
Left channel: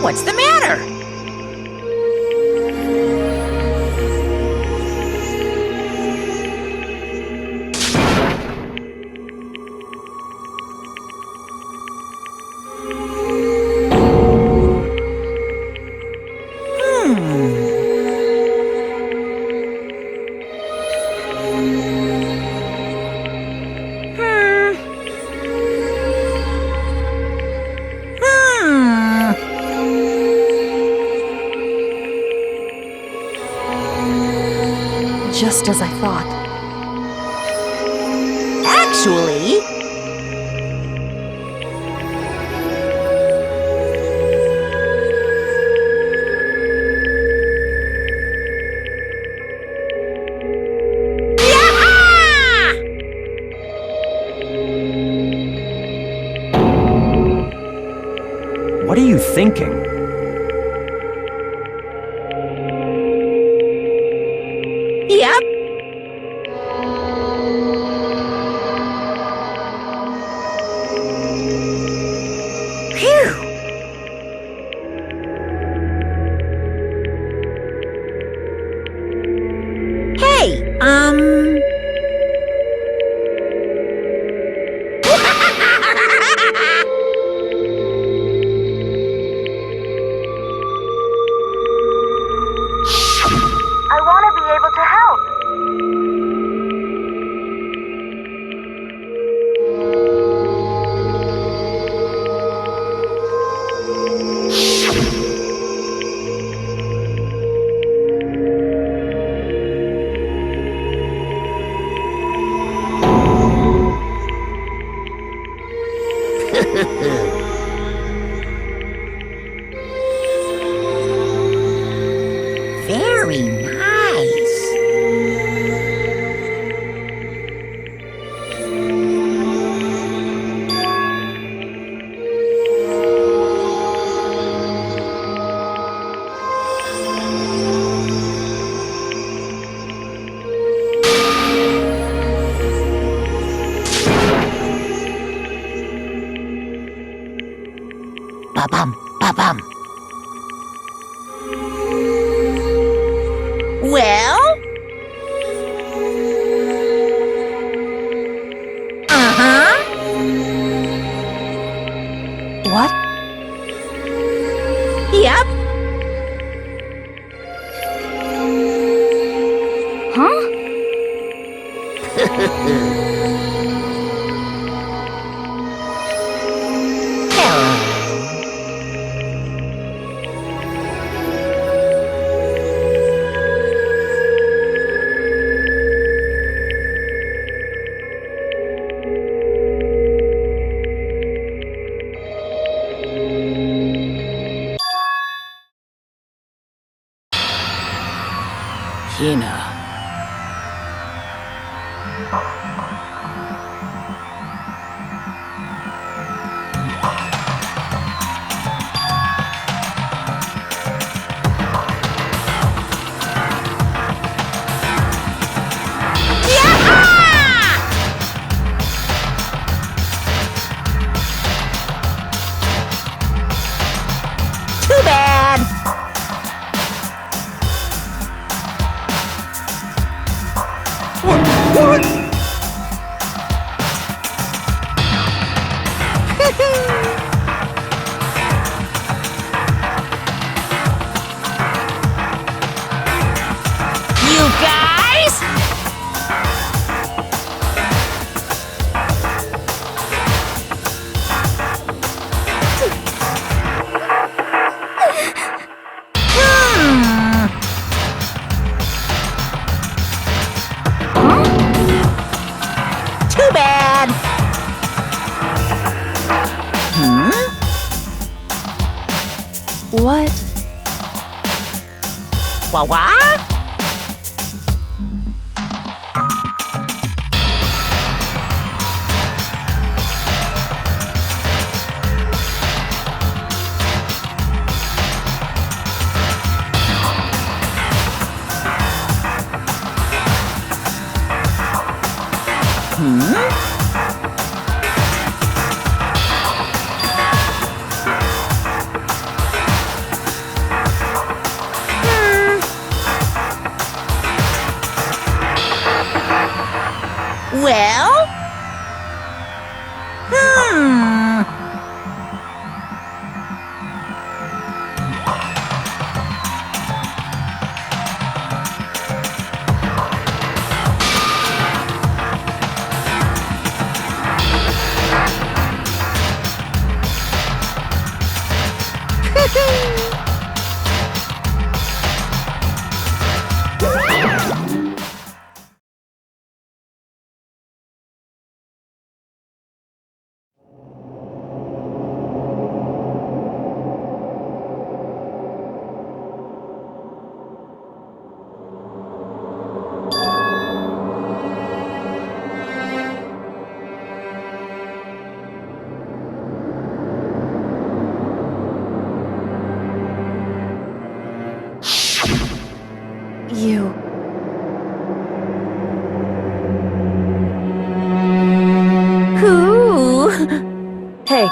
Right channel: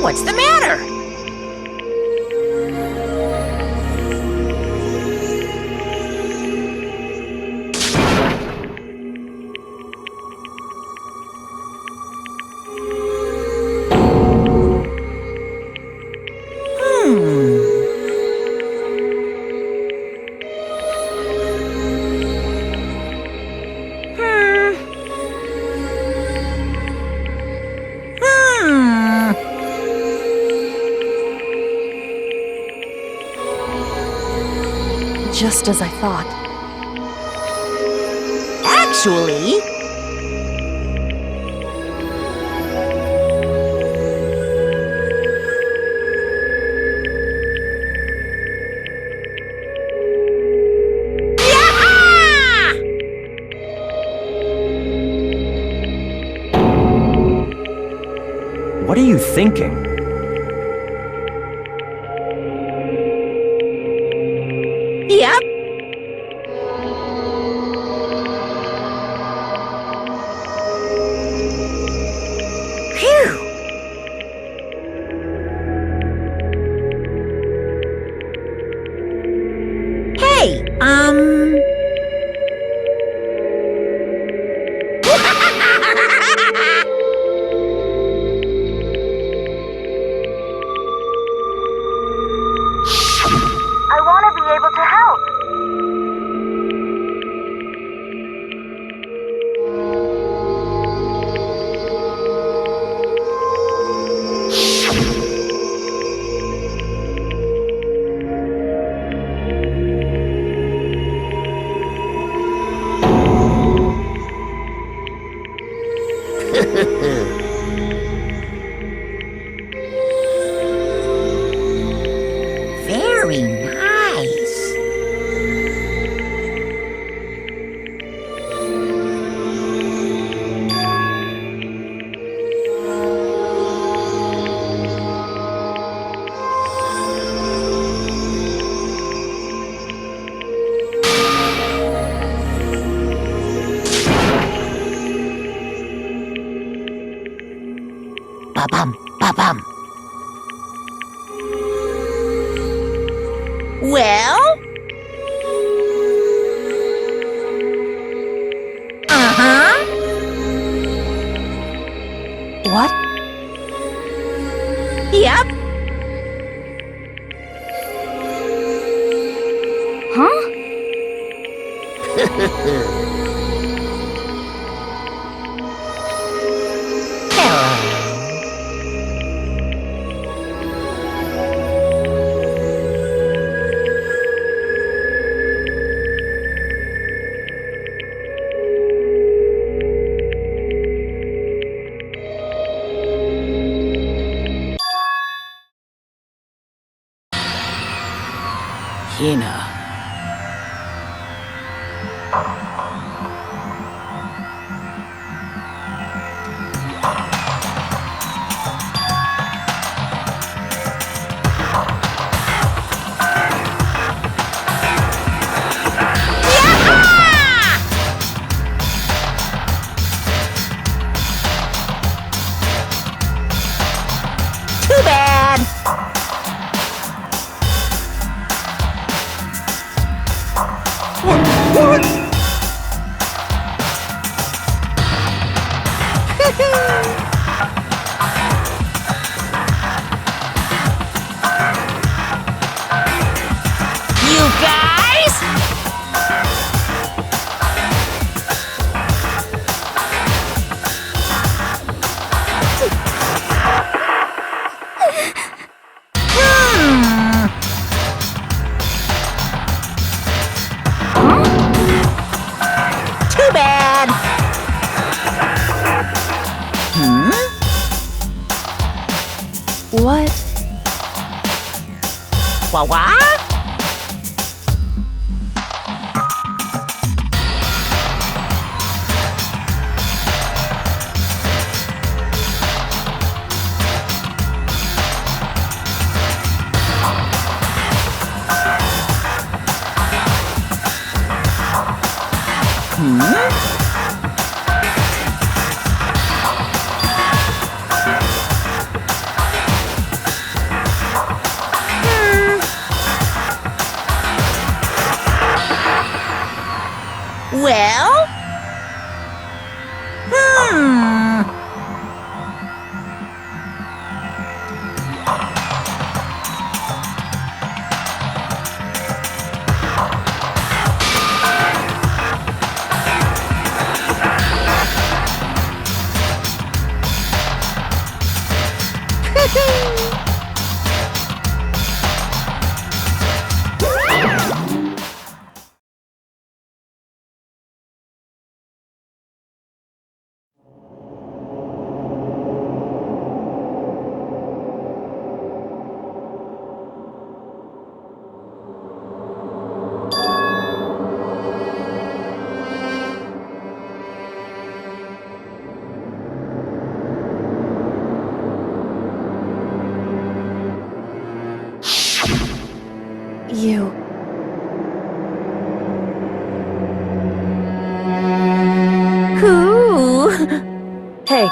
What's the matter? Just as I thought. Actually, What are you thinking? yep. Phew. Hey, I want to be able to help. very nice. Ba-bum, ba-bum. Well? Uh-huh. What? Yep. Huh? Hina. Too bad. What? What? Well? You. Who? Hey,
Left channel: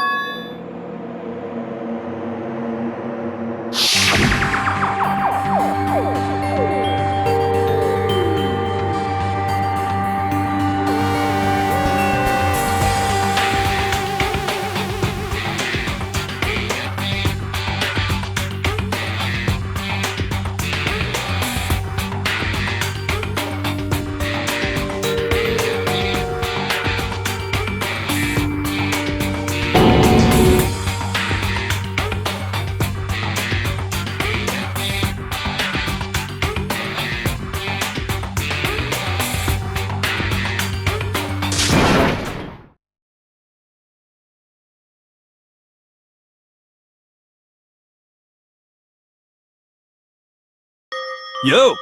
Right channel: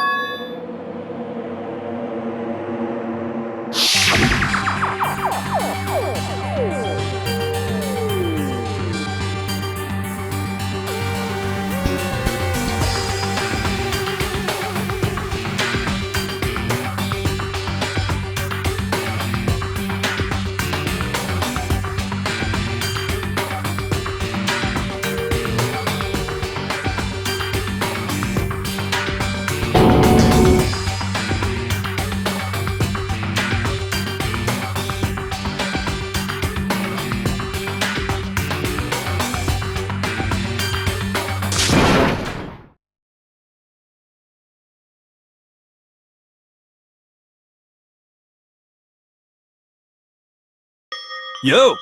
Yo!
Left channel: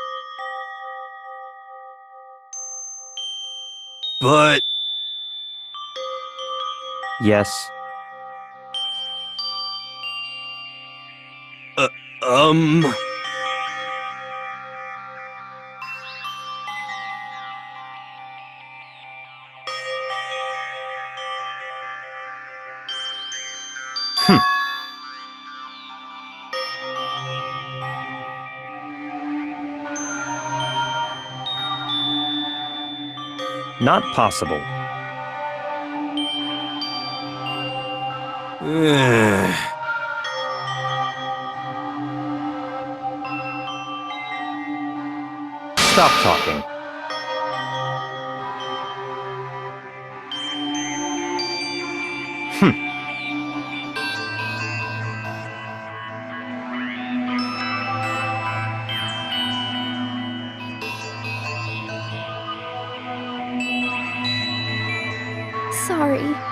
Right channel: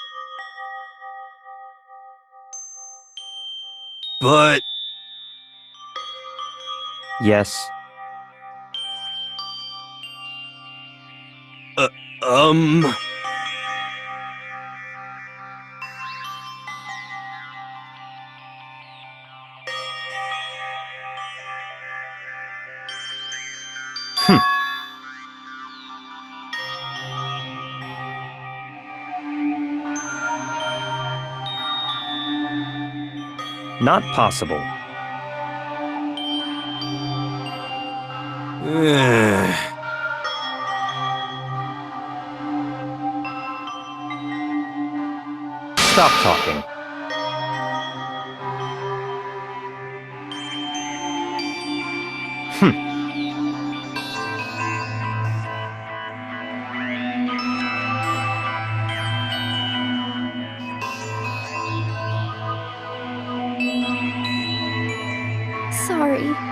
But Yes. um Not possible. Stop talking. Sorry.